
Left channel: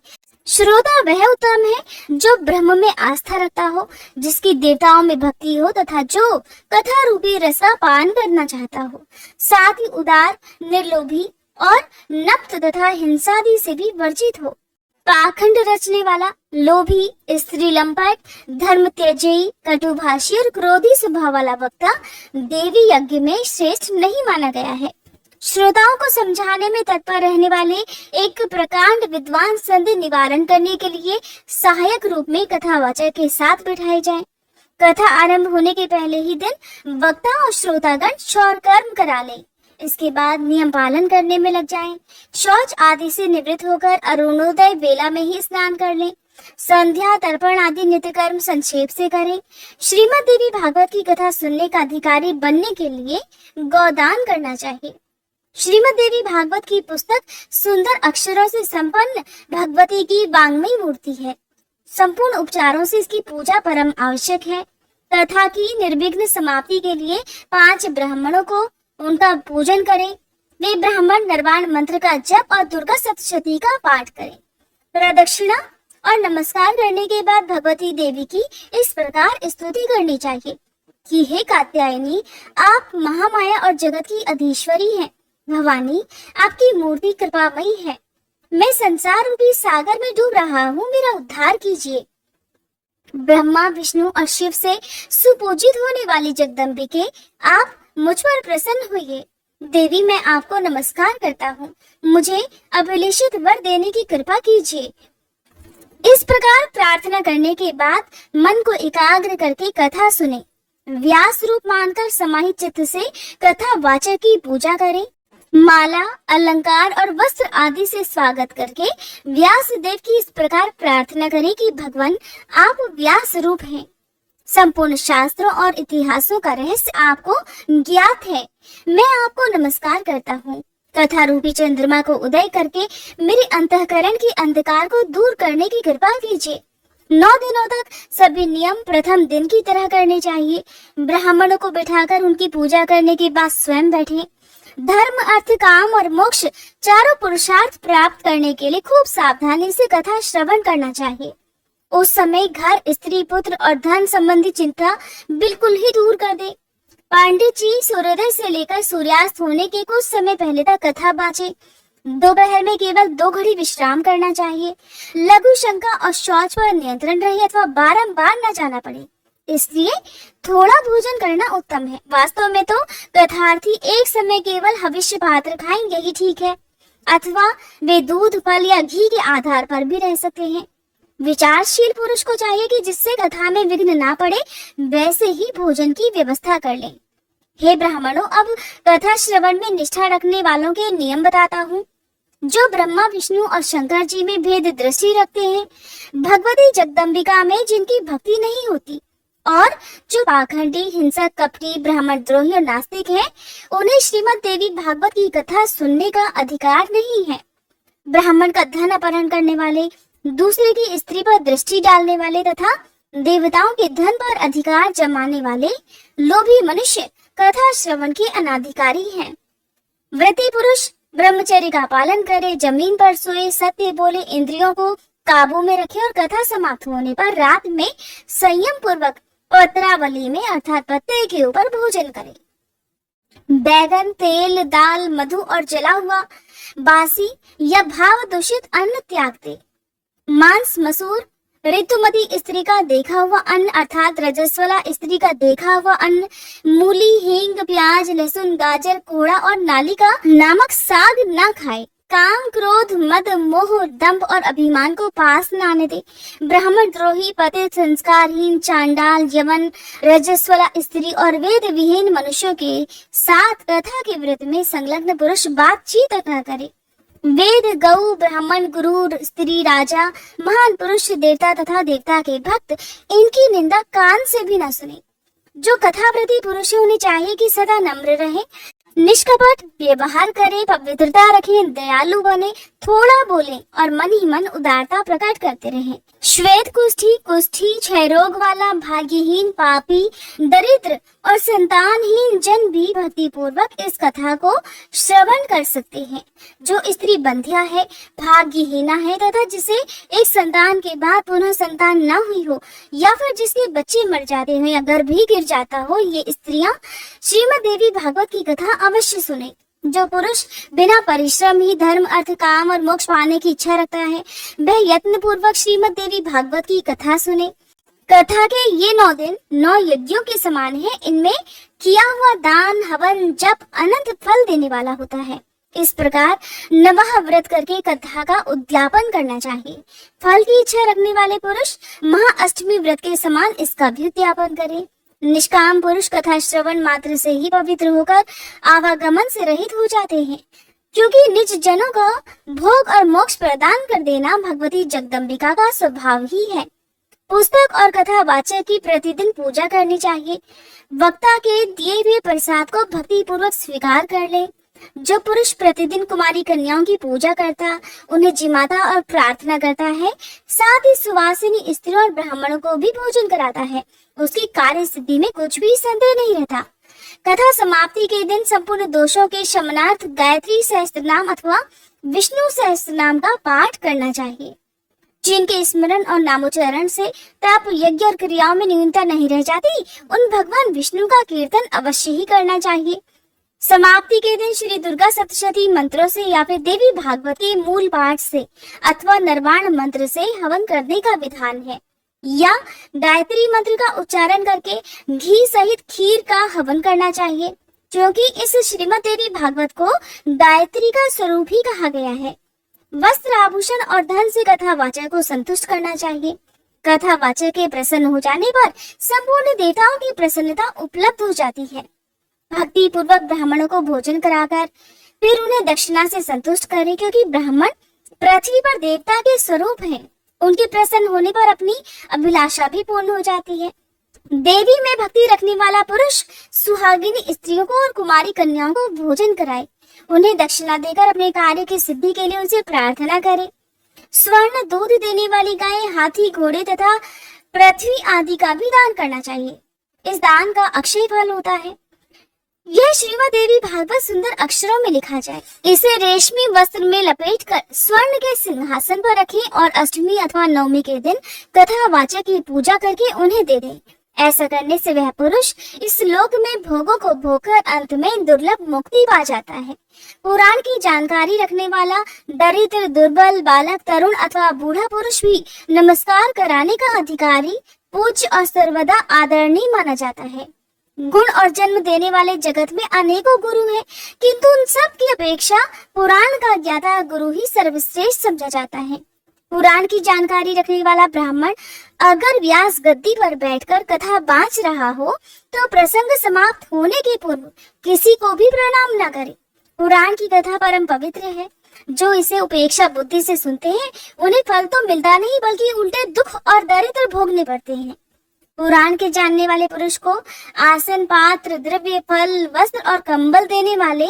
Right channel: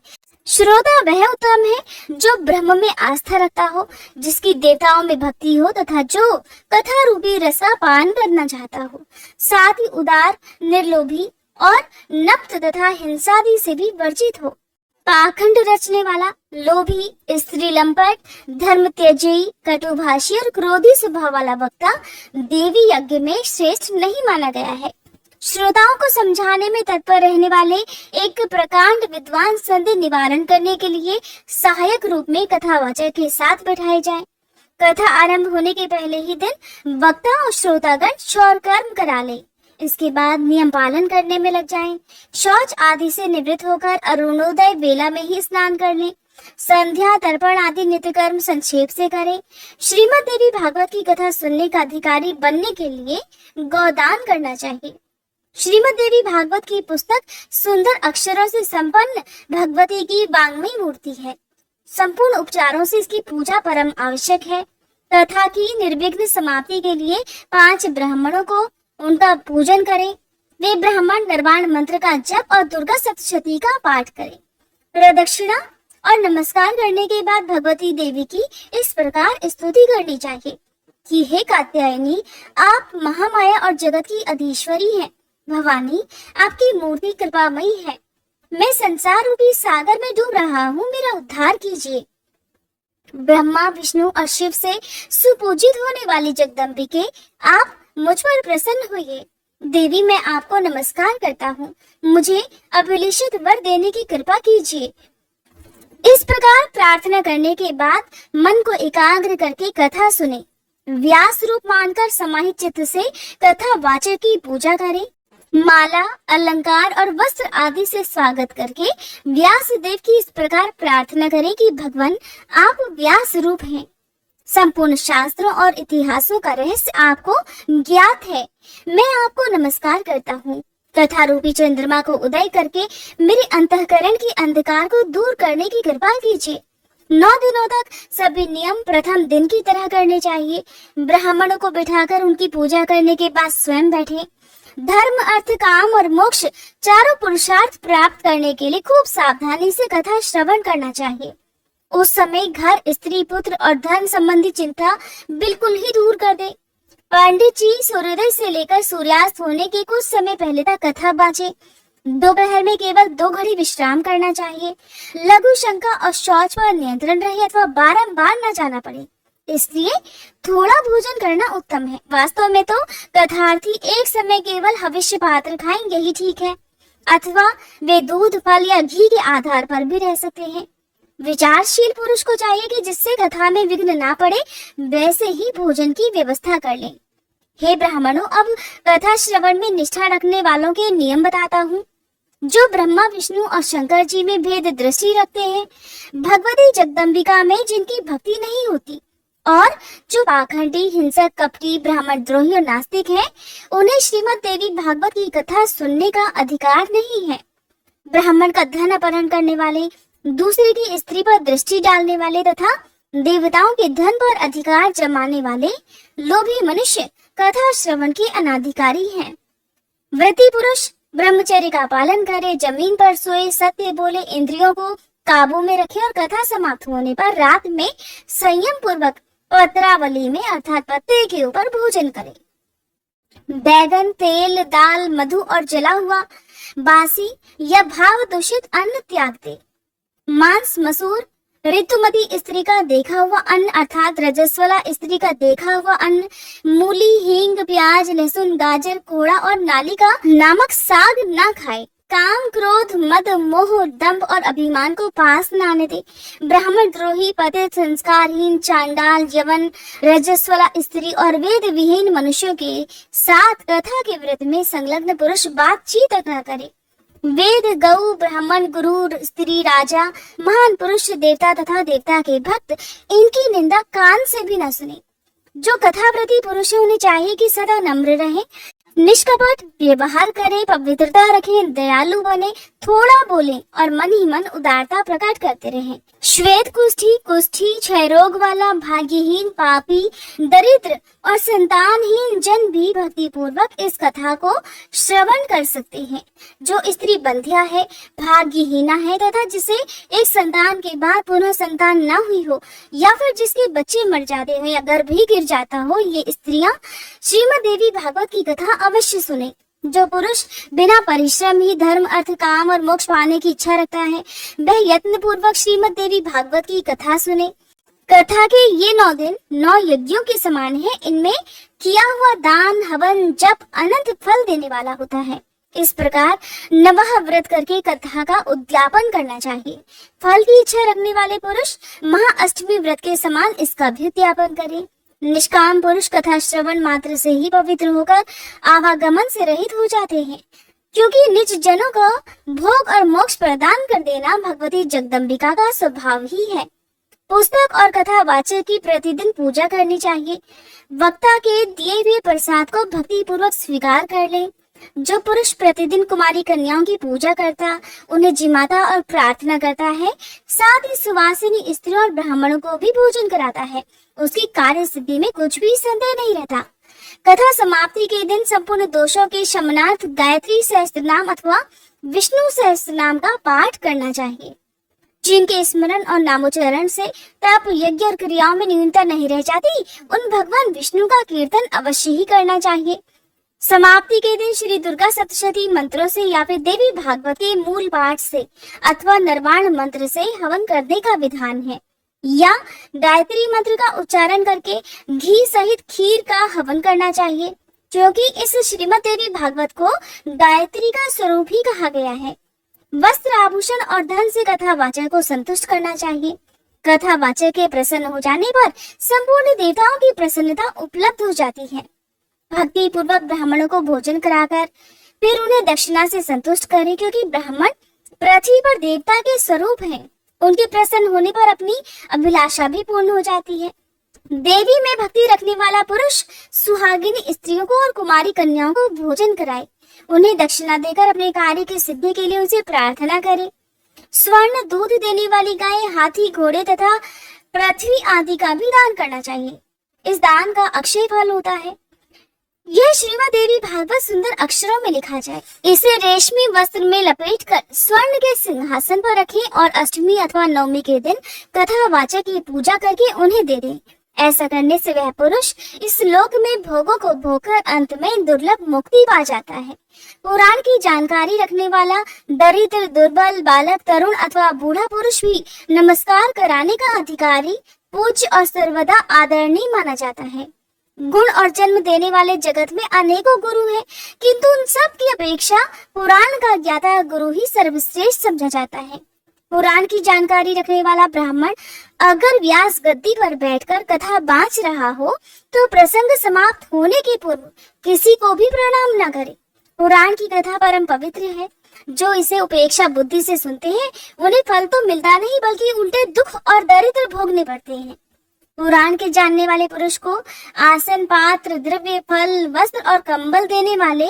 श्रोता वह उत्तम है जो ब्रह्म में आस्था रखता हो, जिसकी देवताओं में भक्ति हो तथा जो कथा रूपी रस का पान करना चाहता हो, साथ ही उदार, निर्लोभी और नप्त तथा हिंसादि से भी वर्जित हो। पाखंड रचने वाला, लोभी, स्त्री लंपट, धर्म त्याजी, कटुभाषी और क्रोधी स्वभाव वाला वक्ता देवी यज्ञ में श्रेष्ठ नहीं माना गया है। श्रोताओं को समझाने में तत्पर रहने वाले एक प्रकांड विद्वान संधि निवारण करने के लिए सहायक रूप में कथावाचक के साथ बैठाए जाएं। कथा आरंभ होने के पहले ही दिन वक्ता और श्रोतागण शौर कर्म करा ले। इसके बाद नियम पालन करने में लग जाएं। शौच आदि से निवृत्त होकर अरुणोदय वेला में ही स्नान कर लें। संध्या, तर्पण आदि नित्य कर्म संक्षेप से करें। श्रीमद् देवी भागवत की कथा सुनने का अधिकारी बनने के लिए गौदान करना चाहिए। श्रीमद् देवी भागवत की पुस्तक सुंदर अक्षरों से संपन्न भगवती की वांग्मयी मूर्ति है। संपूर्ण उपचारों से इसकी पूजा परम आवश्यक है तथा की निर्विघ्न समाप्ति के लिए 5 ब्राह्मणों को उनका पूजन करें। वे ब्राह्मण निर्वाण मंत्र का जप और दुर्गा सप्तशती का पाठ करें। प्रदक्षिणा और नमस्कार करने के बाद भगवती देवी की इस प्रकार स्तुति करनी चाहिए कि हे कात्यायनी, आप महामाया और जगत की अधीश्वरी हैं। भवानी, आपकी मूर्ति कृपामयी है। मैं संसार रूपी सागर में डूब रहा हूँ, मेरा उद्धार कीजिए। ब्रह्मा, विष्णु और शिव से सुपूजित होने वाली जगदम्बिके, आप मुझ पर प्रसन्न होइए। देवी, मैं आपको नमस्कार करता हूँ, मुझे अभिलेषित वर देने की कृपा कीजिए। इस प्रकार प्रार्थना करने के बाद मन को एकाग्र करके कथा सुने। व्यास रूप मानकर समाहित चित्त से कथा वाचक की पूजा करें। माला, अलंकार और वस्त्र आदि से स्वागत करके व्यास देव की इस प्रकार प्रार्थना करें कि भगवान, आप व्यास रूप हैं। संपूर्ण शास्त्रों और इतिहासों का रहस्य आपको ज्ञात है। मैं आपको नमस्कार करता हूँ। कथा रूपी चंद्रमा को उदय करके मेरे अंतःकरण के अंधकार को दूर करने की कृपा कीजिए। 9 दिनों तक सभी नियम प्रथम दिन की तरह करने चाहिए। ब्राह्मणों को बैठाकर उनकी पूजा करने के बाद स्वयं बैठे। धर्म, अर्थ, काम और मोक्ष चारों पुरुषार्थ प्राप्त करने के लिए खूब सावधानी से कथा श्रवण करना चाहिए। उस समय घर, स्त्री, पुत्र और धन संबंधी चिंता बिल्कुल ही दूर कर दे। पंडित जी सूर्योदय से लेकर सूर्यास्त होने के कुछ समय पहले तक कथा बांचे। दोपहर में केवल 2 घड़ी विश्राम करना चाहिए। लघु शंका और शौच पर नियंत्रण रहे अथवा बारंबार न जाना पड़े, इसलिए थोड़ा भोजन करना उत्तम है। वास्तव में तो कथार्थी एक समय केवल हविष्य पात्र खाएं, यही ठीक है, अथवा वे दूध, फल या घी के आधार पर भी रह सकते हैं। विचारशील पुरुष को चाहिए कि जिससे कथा में विघ्न ना पड़े वैसे ही भोजन की व्यवस्था कर लें। हे ब्राह्मणों, अब कथा श्रवण में निष्ठा रखने वालों के नियम बताता हूँ। जो ब्रह्मा, विष्णु और शंकर जी में भेद दृष्टि रखते हैं, भगवती जगदम्बिका में जिनकी भक्ति नहीं होती, और जो पाखंडी, हिंसक, कपटी, ब्राह्मण द्रोही और नास्तिक हैं, उन्हें श्रीमद् देवी भागवत की कथा सुनने का अधिकार नहीं है। ब्राह्मण का धन अपहरण करने वाले, दूसरे की स्त्री पर दृष्टि डालने वाले तथा देवताओं के धन पर अधिकार जमाने वाले लोभी मनुष्य कथा श्रवण के अनाधिकारी हैं। व्रती पुरुष ब्रह्मचर्य का पालन करे, जमीन पर सोए, सत्य बोले, इंद्रियों को काबू में रखे और कथा समाप्त होने पर रात में संयम पूर्वक पत्रावली में अर्थात पत्ते के ऊपर भोजन करे। बैगन, तेल, दाल, मधु और जला हुआ, बासी या भाव दूषित अन्न त्याग दे। मांस, मसूर, ऋतुमती स्त्री का देखा हुआ अन्न अर्थात रजस्वला स्त्री का देखा हुआ अन्न, मूली, हींग, प्याज, लहसुन, गाजर, कोहड़ा और नालिका नामक साग न खाए। काम, क्रोध, मद, मोह, दंभ और अभिमान को पास न आने दे। ब्राह्मण द्रोही, पतित, संस्कारहीन, चांडाल, यवन, रजस्वला स्त्री और वेद विहीन मनुष्यों के साथ कथा के व्रत में संलग्न पुरुष बातचीत न करे। वेद, गौ, ब्राह्मण, गुरु, स्त्री, राजा, महान पुरुष, देवता तथा देवता के भक्त इनकी निंदा कान से भी न सुने। जो कथाप्रति पुरुष है उन्हें चाहिए कि सदा नम्र रहे, निष्कपट व्यवहार करें, पवित्रता रखें, दयालु बने, थोड़ा बोले और मन ही मन उदारता प्रकट करते रहें। श्वेत कुष्ठी, कुष्ठी, क्षय रोग वाला, भाग्यहीन, पापी, दरिद्र और संतानहीन जन भी भक्ति पूर्वक इस कथा को श्रवण कर सकते हैं। जो स्त्री बंध्या है, भाग्यहीना है तथा जिसे एक संतान के बाद पुनः संतान न हुई हो या फिर जिसके बच्चे मर जाते हो या गर्भ ही गिर जाता हो, ये स्त्रियां श्रीमद् देवी भागवत की कथा अवश्य सुने। जो पुरुष बिना परिश्रम ही धर्म, अर्थ, काम और मोक्ष पाने की इच्छा रखता है, वह यत्न पूर्वक श्रीमद् देवी भागवत की कथा सुने। कथा के ये 9 दिन 9 यज्ञों के समान है। इनमें किया हुआ दान, हवन, जप अनंत फल देने वाला होता है। इस प्रकार नवह व्रत करके कथा का उद्यापन करना चाहिए। फल की इच्छा रखने वाले पुरुष महाअष्टमी व्रत के समान इसका भी उद्यापन करें। निष्काम पुरुष कथा श्रवण मात्र से ही पवित्र होकर आवागमन से रहित हो जाते हैं, क्योंकि निज जनों को भोग और मोक्ष प्रदान कर देना भगवती जगदम्बिका का स्वभाव ही है। पुस्तक और कथा वाचक की प्रतिदिन पूजा करनी चाहिए। वक्ता के दिए हुए प्रसाद को भक्ति पूर्वक स्वीकार कर ले। जो पुरुष प्रतिदिन कुमारी कन्याओं की पूजा करता, उन्हें जिमाता और प्रार्थना करता है, साथ ही सुवासिनी स्त्रियों और ब्राह्मणों को भी भोजन कराता है, उसकी कार्य सिद्धि में कुछ भी संदेह नहीं रहता। कथा समाप्ति के दिन संपूर्ण दोषों के शमनार्थ गायत्री सहस्त्रनाम अथवा विष्णु सहस्त्रनाम का पाठ करना चाहिए। जिनके स्मरण और नामोच्चारण से तप, यज्ञ और क्रियाओं में न्यूनता नहीं रह जाती, उन भगवान विष्णु का कीर्तन अवश्य ही करना चाहिए। समाप्ति के दिन श्री दुर्गा सप्तशती मंत्रों से या फिर देवी भागवत के मूल पाठ से अथवा निर्वाण मंत्र से हवन करने का विधान है, या गायत्री मंत्र का उच्चारण करके घी सहित खीर का हवन करना चाहिए, क्योंकि इस श्रीमद् देवी भागवत को गायत्री का स्वरूप ही कहा गया है। वस्त्र, आभूषण और धन से कथा वाचक को संतुष्ट करना चाहिए। कथा वाचक के प्रसन्न हो जाने पर संपूर्ण देवताओं की प्रसन्नता उपलब्ध हो जाती है। भक्ति पूर्वक ब्राह्मणों को भोजन कराकर फिर उन्हें दक्षिणा से संतुष्ट करें, क्योंकि ब्राह्मण पृथ्वी पर देवता के स्वरूप हैं। उनके प्रसन्न होने पर अपनी अभिलाषा भी पूर्ण हो जाती है। देवी में भक्ति रखने वाला पुरुष सुहागिनी स्त्रियों को और कुमारी कन्याओं को भोजन कराए, उन्हें दक्षिणा देकर अपने कार्य की सिद्धि के लिए उनसे प्रार्थना करे। स्वर्ण, दूध देने वाली गाय, हाथी, घोड़े तथा पृथ्वी आदि का भी दान करना चाहिए। इस दान का अक्षय फल होता है। यह श्रीमद् देवी भागवत सुंदर अक्षरों में लिखा जाए। इसे रेशमी वस्त्र में लपेटकर स्वर्ण के सिंहासन पर रखें और अष्टमी अथवा नवमी के दिन कथा वाचक की पूजा करके उन्हें दे दें। ऐसा करने से वह पुरुष इस लोक में भोगों को भोगकर अंत में दुर्लभ मुक्ति पा जाता है। पुराण की जानकारी रखने वाला दरिद्र, दुर्बल, बालक, तरुण अथवा बूढ़ा पुरुष भी नमस्कार कराने का अधिकारी, पूज्य और सर्वदा आदरणीय माना जाता है। गुण और जन्म देने वाले जगत में अनेकों गुरु हैं, किंतु उन सब की अपेक्षा पुराण का ज्ञाता गुरु ही सर्वश्रेष्ठ समझा जाता है। पुराण की जानकारी रखने वाला ब्राह्मण अगर व्यास गद्दी पर बैठकर कथा बाँच रहा हो तो प्रसंग समाप्त होने के पूर्व किसी को भी प्रणाम न करे। पुराण की कथा परम पवित्र है। जो इसे उपेक्षा बुद्धि से सुनते हैं उन्हें फल तो मिलता नहीं, बल्कि उल्टे दुख और दरिद्र भोगने पड़ते हैं। पुराण के जानने वाले पुरुष को आसन, पात्र, द्रव्य, फल, वस्त्र और कंबल देने वाले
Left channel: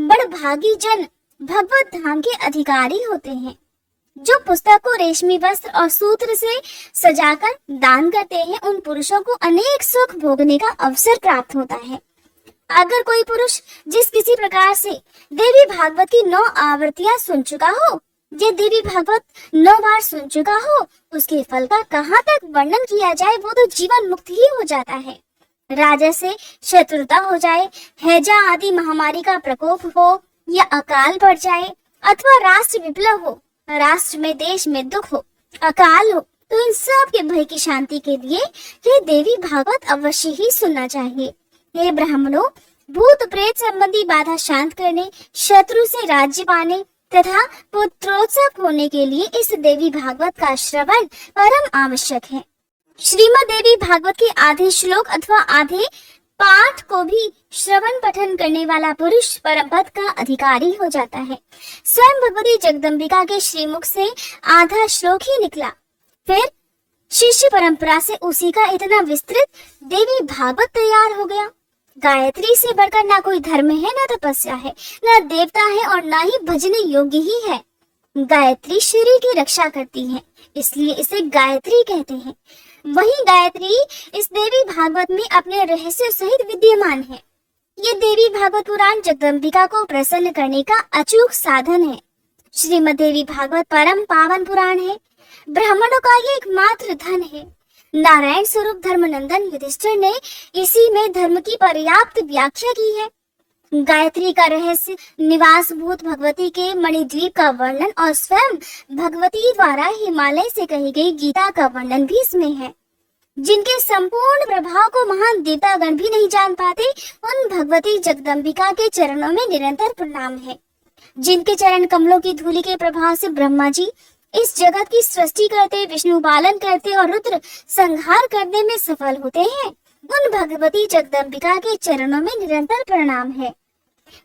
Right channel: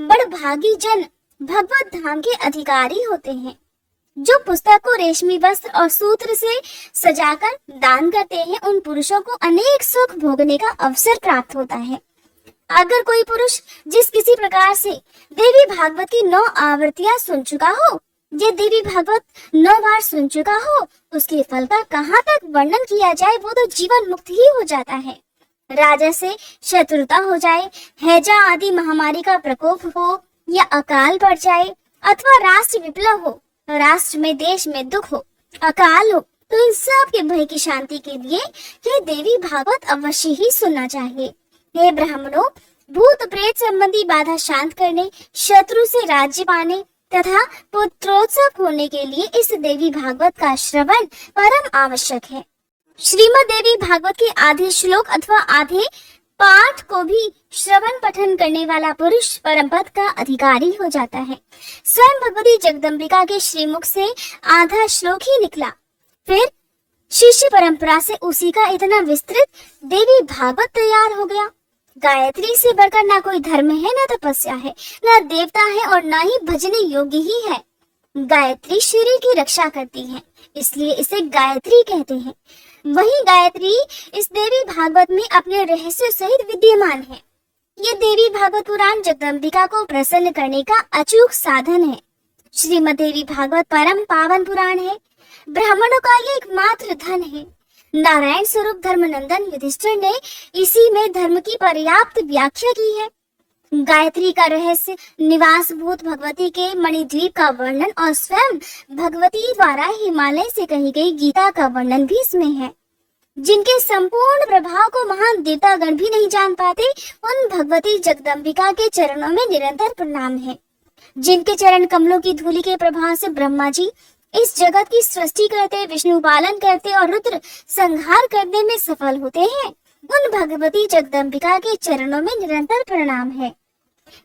बड़भागी जन भगवत धाम के अधिकारी होते हैं। जो पुस्तक को रेशमी वस्त्र और सूत्र से सजाकर दान करते हैं, उन पुरुषों को अनेक सुख भोगने का अवसर प्राप्त होता है। अगर कोई पुरुष जिस किसी प्रकार से देवी भागवत की 9 आवृत्तियां सुन चुका हो, ये देवी भागवत 9 बार सुन चुका हो, उसके फल का कहाँ तक वर्णन किया जाए, वो तो जीवन मुक्त ही हो जाता है। राजा से शत्रुता हो जाए, हैजा आदि महामारी का प्रकोप हो या अकाल पड़ जाए अथवा राष्ट्र विप्लव हो, राष्ट्र में देश में दुख हो, अकाल हो, तो इन सब के भय की शांति के लिए ये देवी भागवत अवश्य ही सुनना चाहिए। हे ब्राह्मणों, भूत प्रेत संबंधी बाधा शांत करने, शत्रु से राज्य पाने तथा पुत्रोत्सव होने के लिए इस देवी भागवत का श्रवण परम आवश्यक है। श्रीमद् देवी भागवत के आधे श्लोक अथवा आधे पाठ को भी श्रवण पठन करने वाला पुरुष परम पद का अधिकारी हो जाता है। स्वयं भगवती जगदम्बिका के श्रीमुख से आधा श्लोक ही निकला, फिर शिष्य परंपरा से उसी का इतना विस्तृत देवी भागवत तैयार हो गया। गायत्री से बढ़कर ना कोई धर्म है, ना तपस्या है, ना देवता है और ना ही भजने योग्य ही है। गायत्री शरीर की रक्षा करती है, इसलिए इसे गायत्री कहते हैं। वही गायत्री इस देवी भागवत में अपने रहस्य सहित विद्यमान है। ये देवी भागवत पुराण जगदम्बिका को प्रसन्न करने का अचूक साधन है। श्रीमद् देवी भागवत परम पावन पुराण है, ब्राह्मणों का ये एकमात्र धन है। नारायण स्वरूप धर्मनंदन युधिष्ठिर ने इसी में धर्म की पर्याप्त व्याख्या की है। गायत्री का रहस्य, निवास भूत भगवती के मणिद्वीप का वर्णन और स्वयं भगवती द्वारा हिमालय से कही गई गीता का वर्णन भी इसमें है। जिनके संपूर्ण प्रभाव को महान देवतागण भी नहीं जान पाते, उन भगवती जगदम्बिका के चरणों में निरंतर प्रणाम है। जिनके चरण कमलों की धूलि के प्रभाव से ब्रह्मा जी इस जगत की सृष्टि करते, विष्णु पालन करते और रुद्र संहार करने में सफल होते हैं, उन भगवती जगदम्बिका के चरणों में निरंतर प्रणाम है।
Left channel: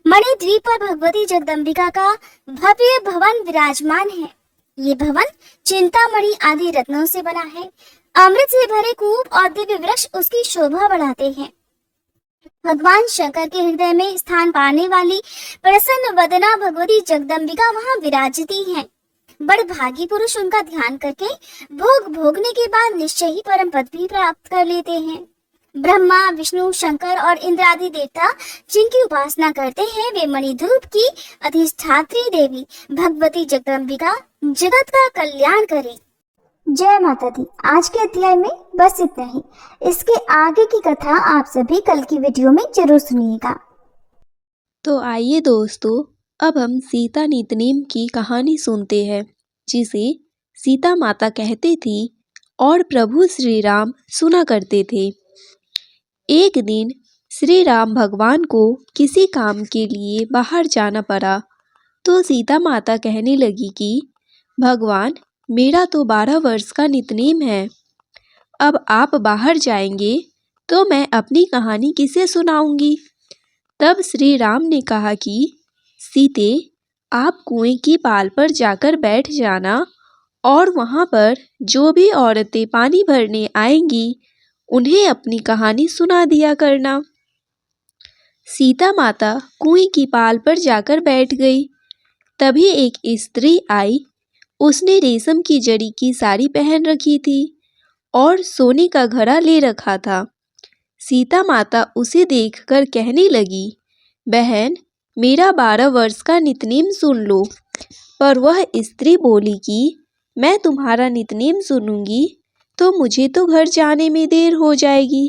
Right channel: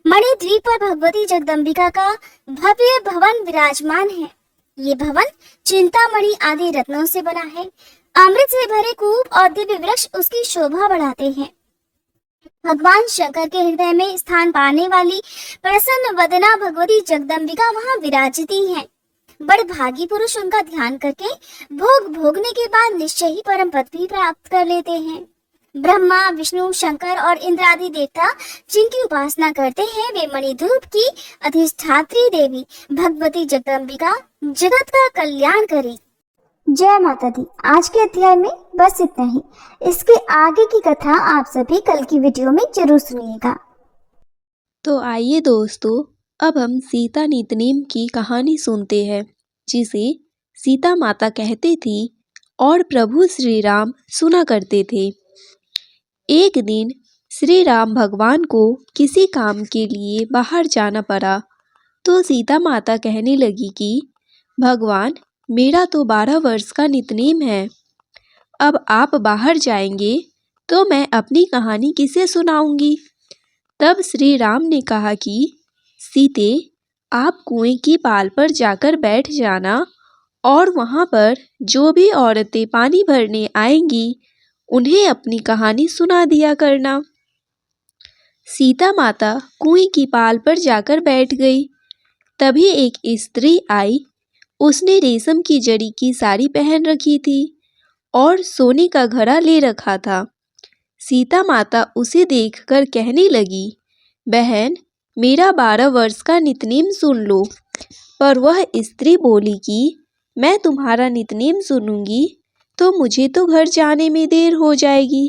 मणिद्वीप पर भगवती जगदम्बिका का भव्य भवन विराजमान है। ये भवन चिंतामणि आदि रत्नों से बना है। अमृत से भरे कूप और दिव्य वृक्ष उसकी शोभा बढ़ाते हैं। भगवान शंकर के हृदय में स्थान पाने वाली प्रसन्न वदना भगवती जगदम्बिका वहाँ विराजती है। बड़े भागी पुरुष उनका ध्यान करके भोग भोगने के बाद निश्चय ही परम पद भी प्राप्त कर लेते हैं। ब्रह्मा, विष्णु, शंकर और इंद्र आदि देवता जिनकी उपासना करते हैं, वे मणिद्वीप की अधिष्ठात्री देवी भगवती जगदम्बिका जगत का कल्याण करे। जय माता दी। आज के अध्याय में बस इतना ही। इसके आगे की कथा आप सभी कल की वीडियो में जरूर सुनिएगा। तो आइए दोस्तों, अब हम सीता नितनेम की कहानी सुनते हैं, जिसे सीता माता कहती थी और प्रभु श्री राम सुना करते थे। एक दिन श्री राम भगवान को किसी काम के लिए बाहर जाना पड़ा, तो सीता माता कहने लगी कि भगवान, मेरा तो 12 वर्ष का नितनेम है। अब आप बाहर जाएंगे तो मैं अपनी कहानी किसे सुनाऊंगी। तब श्री राम ने कहा कि सीते, आप कुएं की पाल पर जाकर बैठ जाना और वहाँ पर जो भी औरतें पानी भरने आएंगी उन्हें अपनी कहानी सुना दिया करना। सीता माता कुएं की पाल पर जाकर बैठ गई। तभी एक स्त्री आई। उसने रेशम की जड़ी की साड़ी पहन रखी थी और सोने का घड़ा ले रखा था। सीता माता उसे देखकर कहने लगी, बहन, मेरा 12 वर्ष का नितनेम सुन लो। पर वह स्त्री बोली कि मैं तुम्हारा नितनेम सुनूंगी तो मुझे तो घर जाने में देर हो जाएगी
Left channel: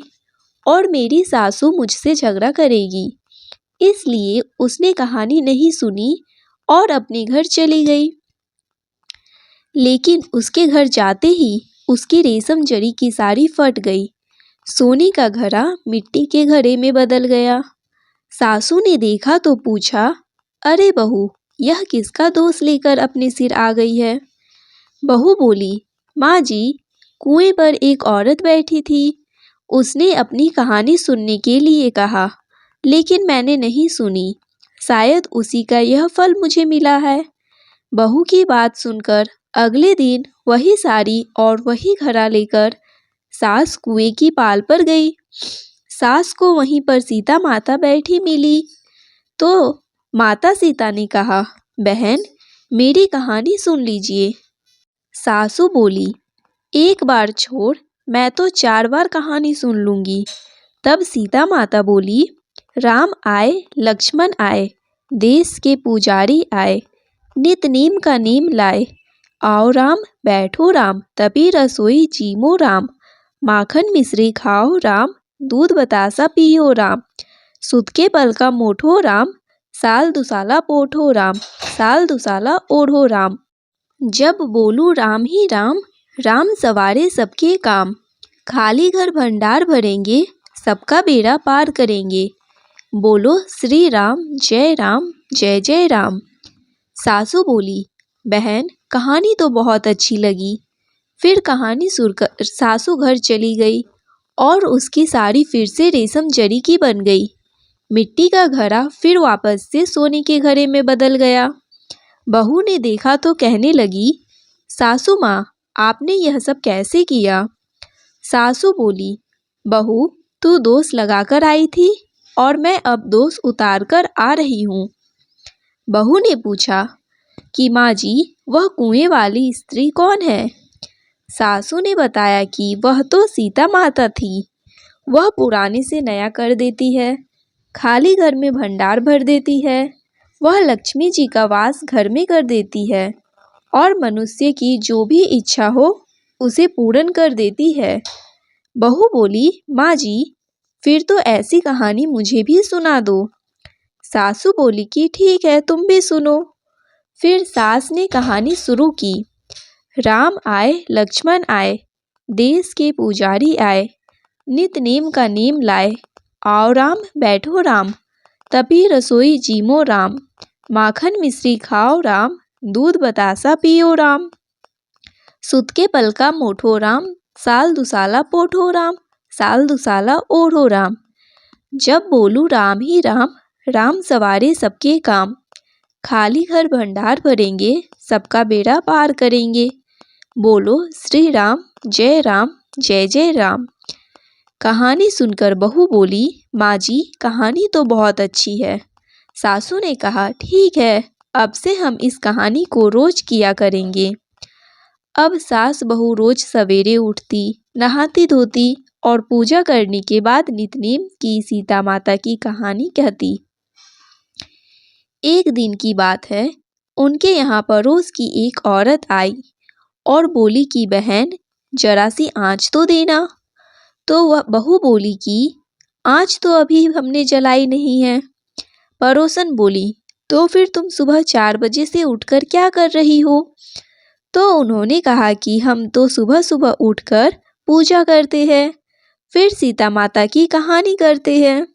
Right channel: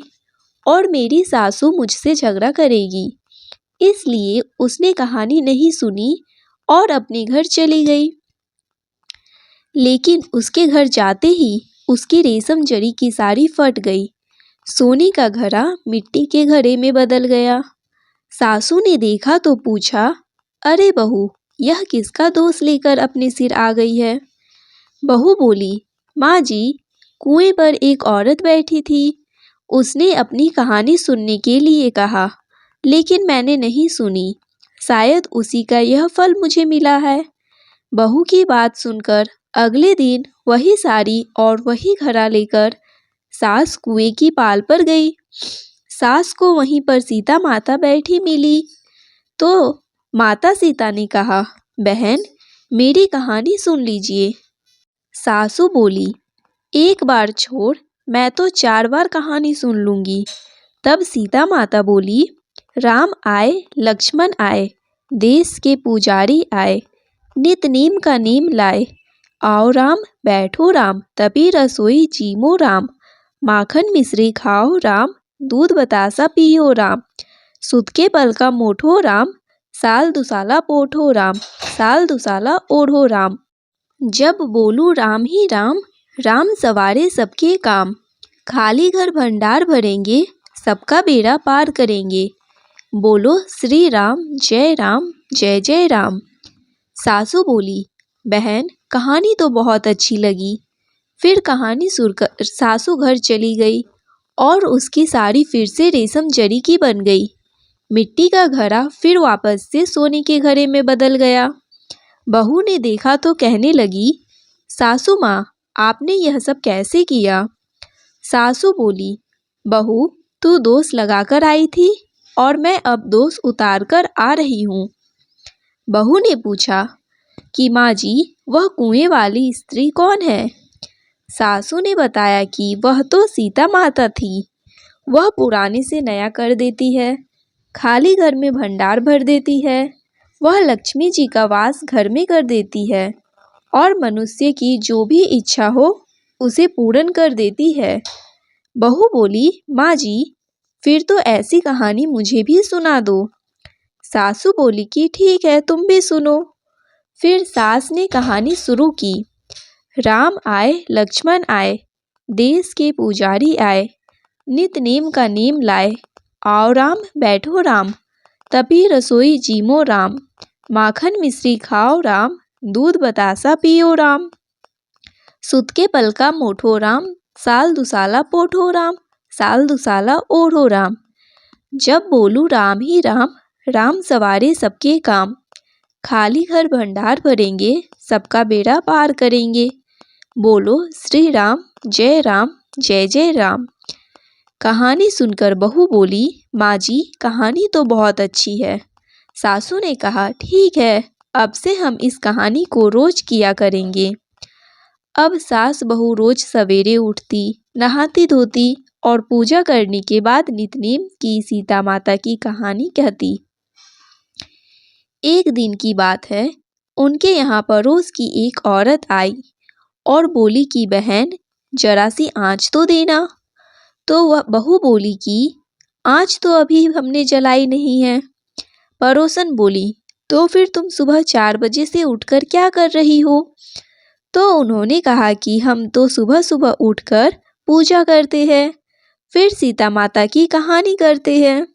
और मेरी सासू मुझसे झगड़ा करेगी। इसलिए उसने कहानी नहीं सुनी और अपने घर चली गई। लेकिन उसके घर जाते ही उसकी रेशम जड़ी की साड़ी फट गई। सोने का घड़ा मिट्टी के घड़े में बदल गया। सासू ने देखा तो पूछा, अरे बहू, यह किसका दोष लेकर अपने सिर आ गई है। बहू बोली, माँ जी, कुएं पर एक औरत बैठी थी। उसने अपनी कहानी सुनने के लिए कहा, लेकिन मैंने नहीं सुनी। शायद उसी का यह फल मुझे मिला है। बहू की बात सुनकर अगले दिन वही साड़ी और वही घड़ा लेकर सास कुएं की पाल पर गई। सास को वहीं पर सीता माता बैठी मिली तो माता सीता ने कहा, बहन, मेरी कहानी सुन लीजिए। सासू बोली, एक बार छोड़, मैं तो 4 बार कहानी सुन लूंगी। तब सीता माता बोली, राम आए, लक्ष्मण आए, देश के पुजारी आए, नित नेम का नेम लाए। आओ राम, बैठो राम, तभी रसोई जीमो राम। माखन मिश्री खाओ राम, दूध बतासा पियो राम। सुत के पल का मोठो राम, साल दुसाला पोठो राम, साल दुसाला ओढ़ो राम। जब बोलूं राम ही राम, राम सवारे सबके काम। खाली घर भंडार भरेंगे, सबका बेड़ा पार करेंगे। बोलो श्री राम, जय जय राम। सासू बोली, बहन, कहानी तो बहुत अच्छी लगी। फिर कहानी सुनकर सासू घर चली गई और उसकी साड़ी फिर से रेशम जरी की बन गई। मिट्टी का घड़ा फिर वापस से सोने के घड़े में बदल गया। बहू ने देखा तो कहने लगी, सासू माँ, आपने यह सब कैसे किया? सासू बोली, बहू, तू दोष लगाकर आई थी और मैं अब दोष उतार कर आ रही हूँ। बहू ने पूछा कि माँ जी, वह कुएं वाली स्त्री कौन है? सासू ने बताया कि वह तो सीता माता थी। वह पुराने से नया कर देती है, खाली घर में भंडार भर देती है। वह लक्ष्मी जी का वास घर में कर देती है और मनुष्य की जो भी इच्छा हो उसे पूर्ण कर देती है। बहू बोली, माँ जी, फिर तो ऐसी कहानी मुझे भी सुना दो। सासू बोली कि ठीक है, तुम भी सुनो। फिर सास ने कहानी शुरू की। राम आए, लक्ष्मण आए, देश के पुजारी आए, नित नेम का नेम लाए। आओ राम, बैठो राम, तपी रसोई जीमो राम। माखन मिश्री खाओ राम, दूध बतासा पियो राम। सुत के पलका मोठो राम, साल दुसाला पोठो राम, साल दुसाला ओढ़ो राम। जब बोलू राम ही राम, राम सवारे सबके काम। खाली घर भंडार भरेंगे, सबका बेड़ा पार करेंगे। बोलो श्री राम, जय राम, जय जय राम। कहानी सुनकर बहू बोली, माँ जी, कहानी तो बहुत अच्छी है। सासू ने कहा, ठीक है, अब से हम इस कहानी को रोज किया करेंगे। अब सास बहू रोज सवेरे उठती, नहाती धोती और पूजा करने के बाद नितनेम की सीता माता की कहानी कहती। एक दिन की बात है, उनके यहाँ पड़ोस की एक औरत आई और बोली कि बहन, जरा सी आँच तो देना। तो वह बहू बोली कि आँच तो अभी हमने जलाई नहीं है। पड़ोसन बोली, तो फिर तुम सुबह 4 बजे से उठकर क्या कर रही हो? तो उन्होंने कहा कि हम तो सुबह सुबह उठकर पूजा करते हैं, फिर सीता माता की कहानी करते हैं।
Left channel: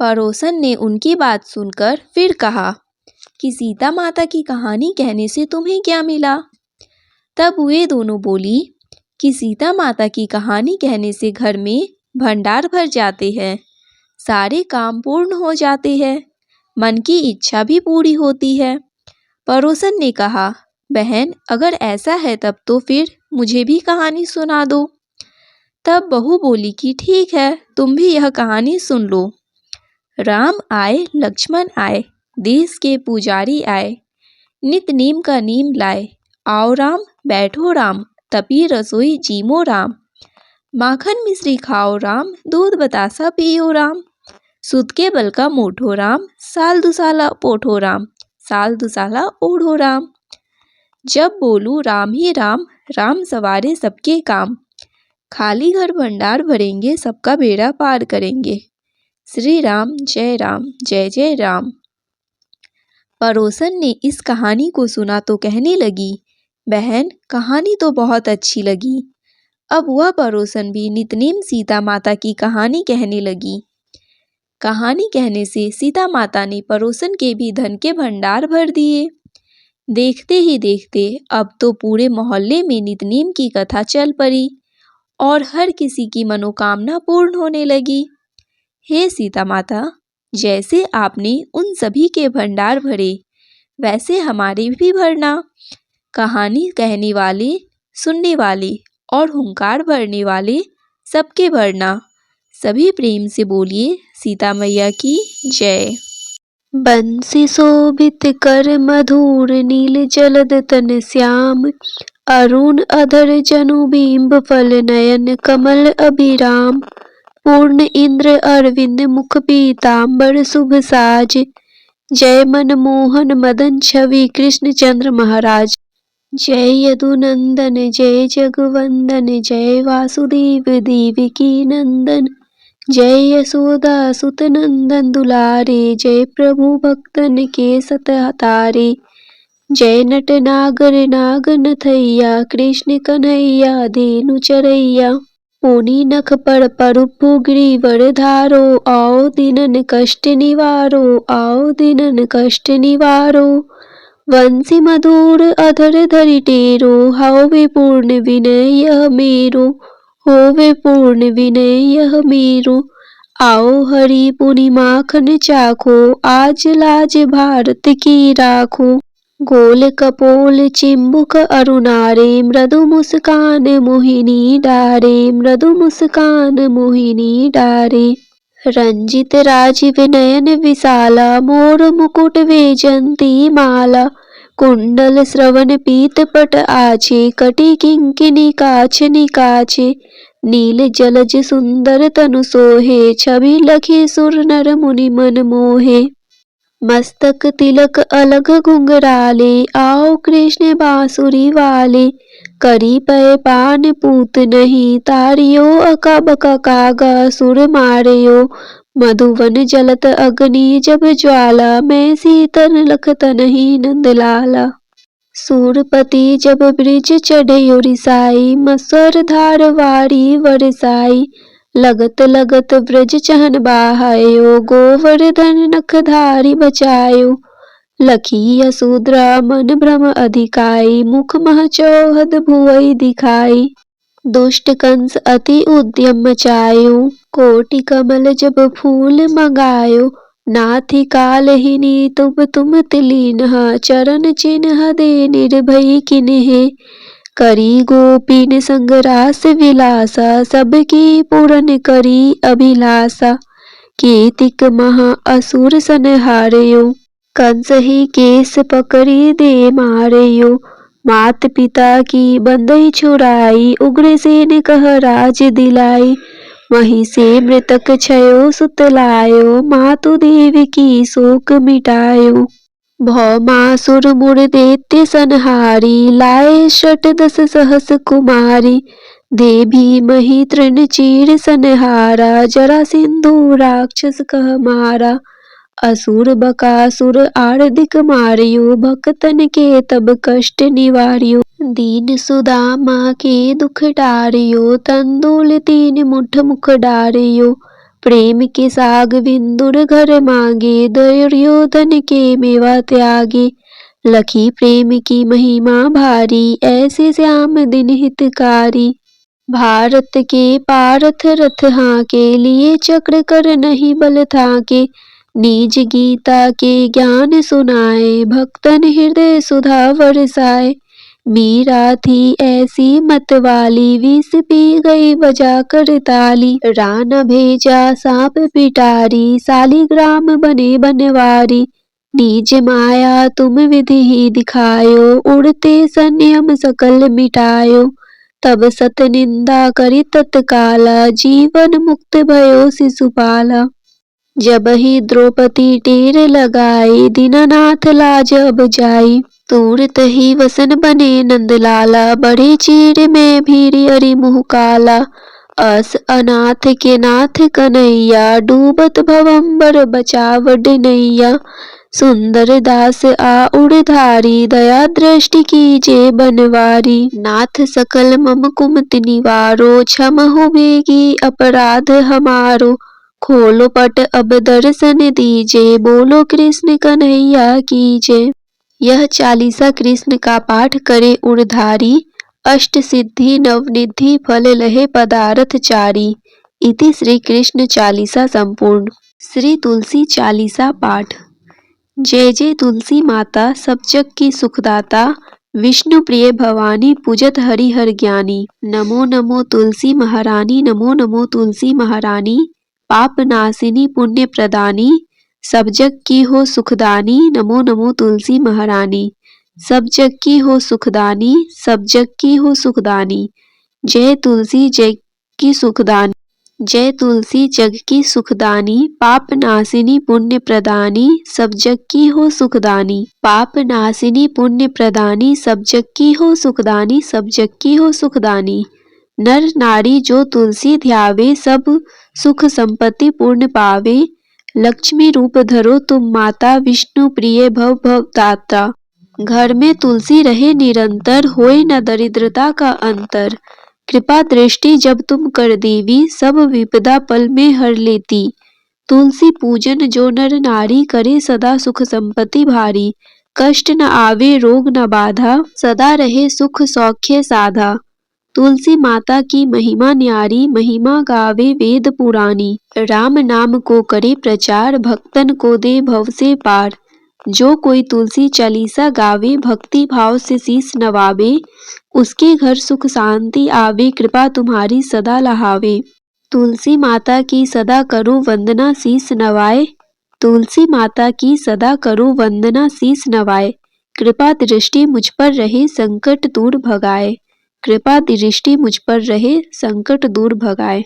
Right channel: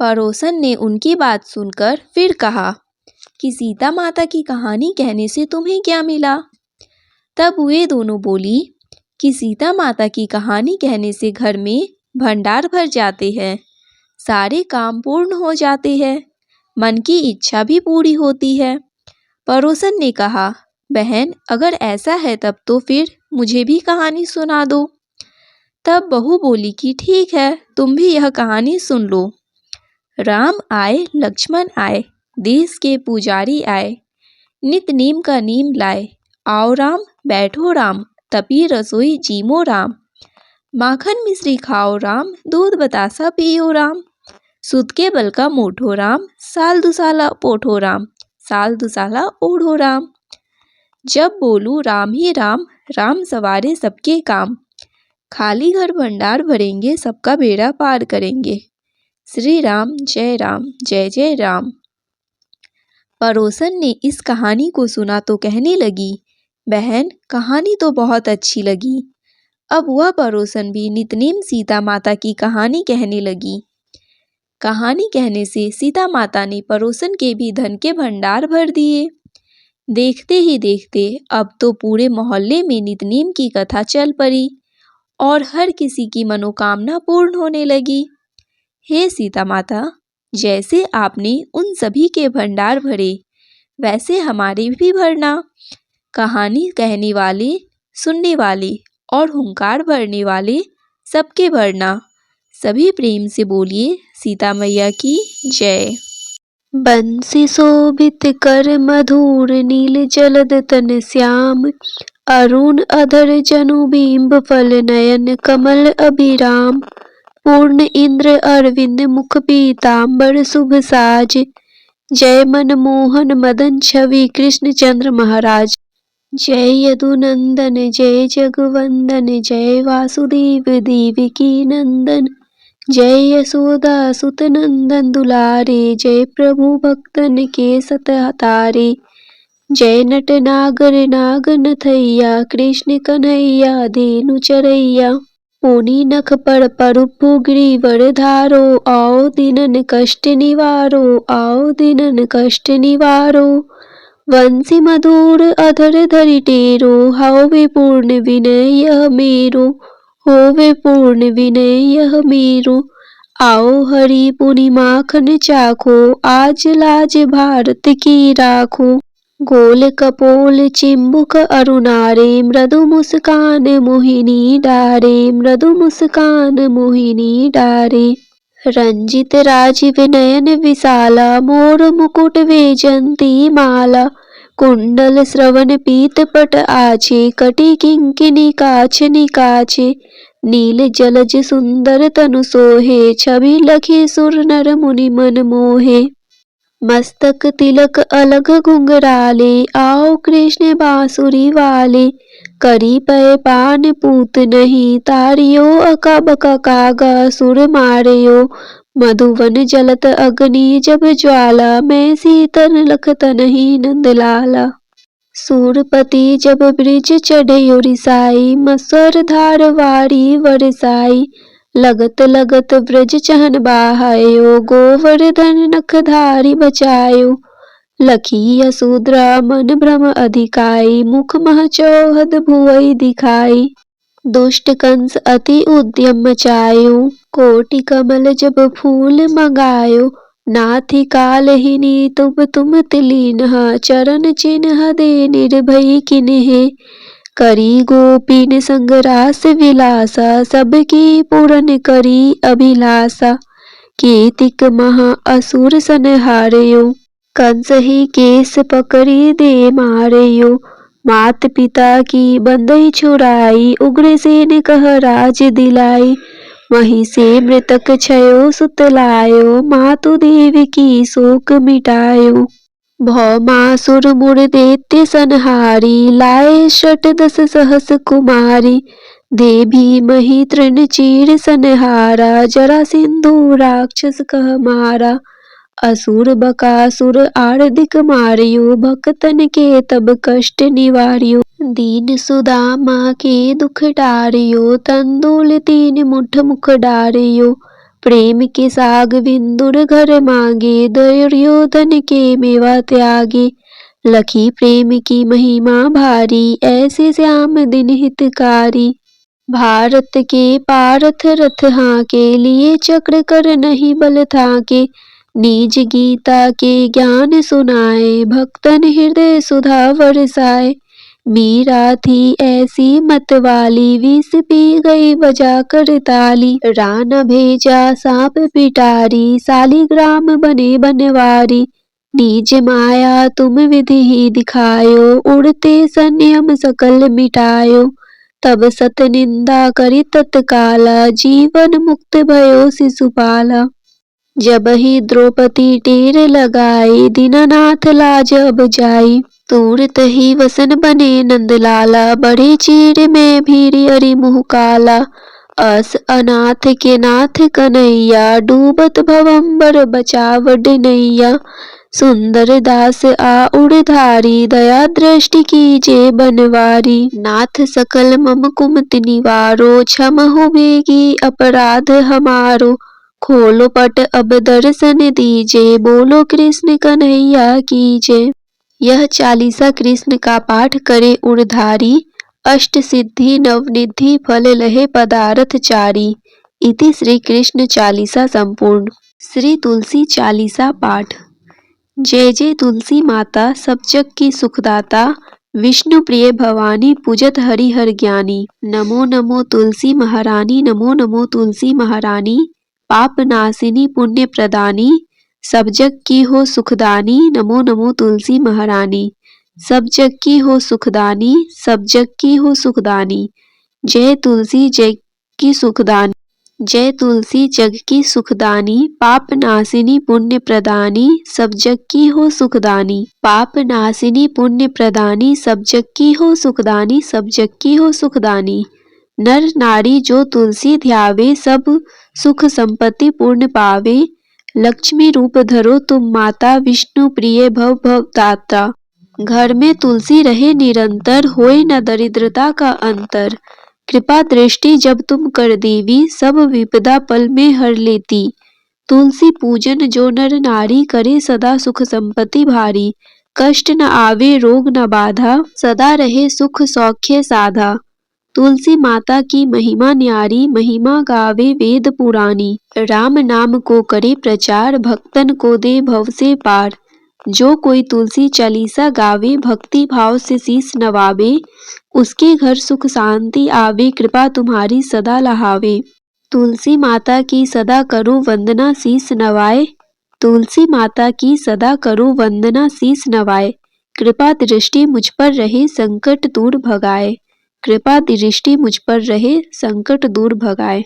पड़ोसन ने उनकी बात सुनकर फिर कहा कि सीता माता की कहानी कहने से तुम्हें क्या मिला? तब वे दोनों बोली कि सीता माता की कहानी कहने से घर में भंडार भर जाते हैं, सारे काम पूर्ण हो जाते हैं, मन की इच्छा भी पूरी होती है। पड़ोसन ने कहा, बहन, अगर ऐसा है तब तो फिर मुझे भी कहानी सुना दो। तब बहू बोली कि ठीक है, तुम भी यह कहानी सुन लो। राम आए, लक्ष्मण आए, देश के पुजारी आए, नित नीम का नीम लाए। आओ राम, बैठो राम, तपी रसोई जीमो राम। माखन मिश्री खाओ राम, दूध बतासा पियो राम। सुत के बल का मोठो राम, साल दुसाला पोठो राम, साल दुसाला ओढ़ो राम। जब बोलू राम ही राम, राम सवारे सबके काम। खाली घर भंडार भरेंगे, सबका बेड़ा पार करेंगे। श्री राम, जय राम, जय जय राम। पड़ोसन ने इस कहानी को सुना तो कहने लगी, बहन, कहानी तो बहुत अच्छी लगी। अब वह पड़ोसन भी नितनेम सीता माता की कहानी कहने लगी। कहानी कहने से सीता माता ने पड़ोसन के भी धन के भंडार भर दिए। देखते ही देखते अब तो पूरे मोहल्ले में नितनेम की कथा चल पड़ी और हर किसी की मनोकामना पूर्ण होने लगी। हे सीता माता, जैसे आपने उन सभी के भंडार भरे, वैसे हमारे भी भरना। कहानी कहने वाले, सुनने वाले और हुंकार भरने वाले सबके भरना। सभी प्रेम से बोलिए सीता मैया की जय। बंसी शोभित कर मधुर नील जलद तन श्याम। अरुण अधर जनु बिंब फल नयन कमल अभिराम। पूर्ण इंद्र अरविंद मुख पीतांबर शुभ साज। जय मनमोहन मदन छवि कृष्ण चंद्र महाराज। जय यदुनंदन जय जगवंदन जय वासुदेव देवकी नंदन। जय यशोदा सुत नंदन दुलारे। जय प्रभु भक्तन के सतहतारे। जय नट नागर नागनथैया कृष्ण कन्हैया धेनु चरैया। पुनि नख पर परुपु गिरिवर धारो। आओ दीनन कष्ट निवारो। आओ दीनन कष्ट निवारो। वंशी मधुर अधर धरि टेरो। हाउ विपूर्ण विनय यह मेरो। होवे पूर्ण विनय यह मेरो। आओ हरि पुनि माखन चाखो, आज लाज भारत की राखो। गोल कपोल चिंबुक अरुणारे, मृदु मुस्कान मोहिनी डारे, मृदु मुस्कान मोहिनी डारे। रंजित राजीव नयन विशाला, मोर मुकुट वैजंती माला। कुंडल श्रवण पीत पट आछे, कटि किंकिनी काछ निकाछे। नील जलज सुंदर तनु सोहे, छवि लखी सुर नर मुनि मन मोहे। मस्तक तिलक अलग घुंघराले, आओ कृष्ण बांसुरी वाले। करी पय पान पूत नहीं, तारियो अकब कागा सुर मारियो। मधुवन जलत अग्नि जब ज्वाला, मैं सीतन लखत नहीं नंदलाला। सूरपति जब ब्रिज चढ़यो रिसाई, मसर धार वारी वरसाई। लगत लगत ब्रज चहन बाहायो, गोवर्धन नखधारी बचायो। लखी यशोधरा मन भ्रम अधिकाई, मुख मह चौहद भुवई दिखाई। दुष्ट कंस अति उद्यम मचायो, कोटि कमल जब फूल मंगायो। नाथि कालहिनी तुम तिलीनहा, चरण चिन्ह दे निर्भय किन्हे। करी गोपीन संग रास विलासा, सबकी पूरन करी अभिलाषा। कीतिक महा असुर संहारयो, कंस ही केस पकड़ी दे मारयो। मात पिता की बंदई छुड़ाई, उग्रसेन कह राज दिलाई। वहीं से मृतक छयो सुत लायो, मातु देव की शोक मिटायो। भौमासुर मुर दैत्य संहारी, लाए शत दस सहस कुमारी। दे भीमहि तृण चीर संहारा, जरा सिंधु राक्षस कह मारा। असुर बकासुर आर्दिक मारियो, भक्तन के तब कष्ट निवारियो। दीन सुदामा के दुख डारियो, तंदुल तीन मुठ मुख डारियो। प्रेम के साग विंदुर घर मांगे, दुर्योधन के मेवा त्यागे। लखी प्रेम की महिमा भारी, ऐसे श्याम दिन हितकारी। भारत के पारथ रथ हाके, लिए चक्र कर नहीं बल थाके। निज गीता के ज्ञान सुनाए, भक्तन हृदय सुधा बरसाए। मीरा थी ऐसी मत वाली, विष पी गई बजा कर ताली। रान भेजा सांप पिटारी, सालिग्राम बने बनवारी। निज माया तुम विधि ही दिखायो, उड़ते संयम सकल मिटायो। तब सत निंदा करी तत्काला, जीवन मुक्त भयो शिशुपाला। जब ही द्रौपदी टेर लगाई, दीनानाथ लाज अब जाई। तुरत ही वसन बने नंदलाला, बढ़े चीर में भीरी अरि मुँह काला। अस अनाथ के नाथ कन्हैया, डूबत भवंबर बचावड नैया। सुंदर दास आ उड़धारी, दया दृष्टि कीजे बनवारी। नाथ सकल मम कुमति निवारो, क्षम हो बेगी अपराध हमारो। खोलो पट अब दर्शन दीजे, बोलो कृष्ण कन्हैया कीजे। यह चालीसा कृष्ण का पाठ करे उड़धारी, अष्ट सिद्धि नवनिधि फल लहे पदारथ चारी। इति श्री कृष्ण चालीसा संपूर्ण। श्री तुलसी चालीसा पाठ। जय जय तुलसी माता, सब जग की सुखदाता। विष्णु प्रिय भवानी, पूजत हरि हर ज्ञानी। नमो नमो तुलसी महारानी, नमो नमो तुलसी महारानी। पाप नाशिनी पुण्य प्रदानी, सब जग की हो सुखदानी। नमो नमो तुलसी महारानी। सब जग की हो सुखदानी, सब जग की हो सुखदानी। जय तुलसी जग की सुखदानी, जय तुलसी जग की सुखदानी। पाप नाशिनी पुण्य प्रदानी, सब जग की हो सुखदानी। पाप नाशिनी पुण्य प्रदानी, सब जग की हो सुखदानी, सब जग की हो सुखदानी। नर नारी जो तुलसी ध्यावे, सब सुख संपत्ति पूर्ण पावे। लक्ष्मी रूप धरो तुम माता, विष्णु प्रिय भव भवदाता। घर में तुलसी रहे निरंतर, होए न दरिद्रता का अंतर। कृपा दृष्टि जब तुम कर देवी, सब विपदा पल में हर लेती। तुलसी पूजन जो नर नारी, करे सदा सुख संपत्ति भारी। कष्ट न आवे रोग न बाधा, सदा रहे सुख सौख्य साधा। तुलसी माता की महिमा न्यारी, महिमा गावे वेद पुरानी। राम नाम को करे प्रचार, भक्तन को दे भव से पार। जो कोई तुलसी चालीसा गावे, भक्ति भाव से शीस नवावे, उसके घर सुख शांति आवे, कृपा तुम्हारी सदा लहावे। तुलसी माता की सदा करो वंदना, शीस नवाए। तुलसी माता की सदा करो वंदना, शीस नवाए। कृपा दृष्टि मुझ पर रहे, संकट दूर भगाए। कृपा दृष्टि मुझ पर रहे, संकट दूर भगाए।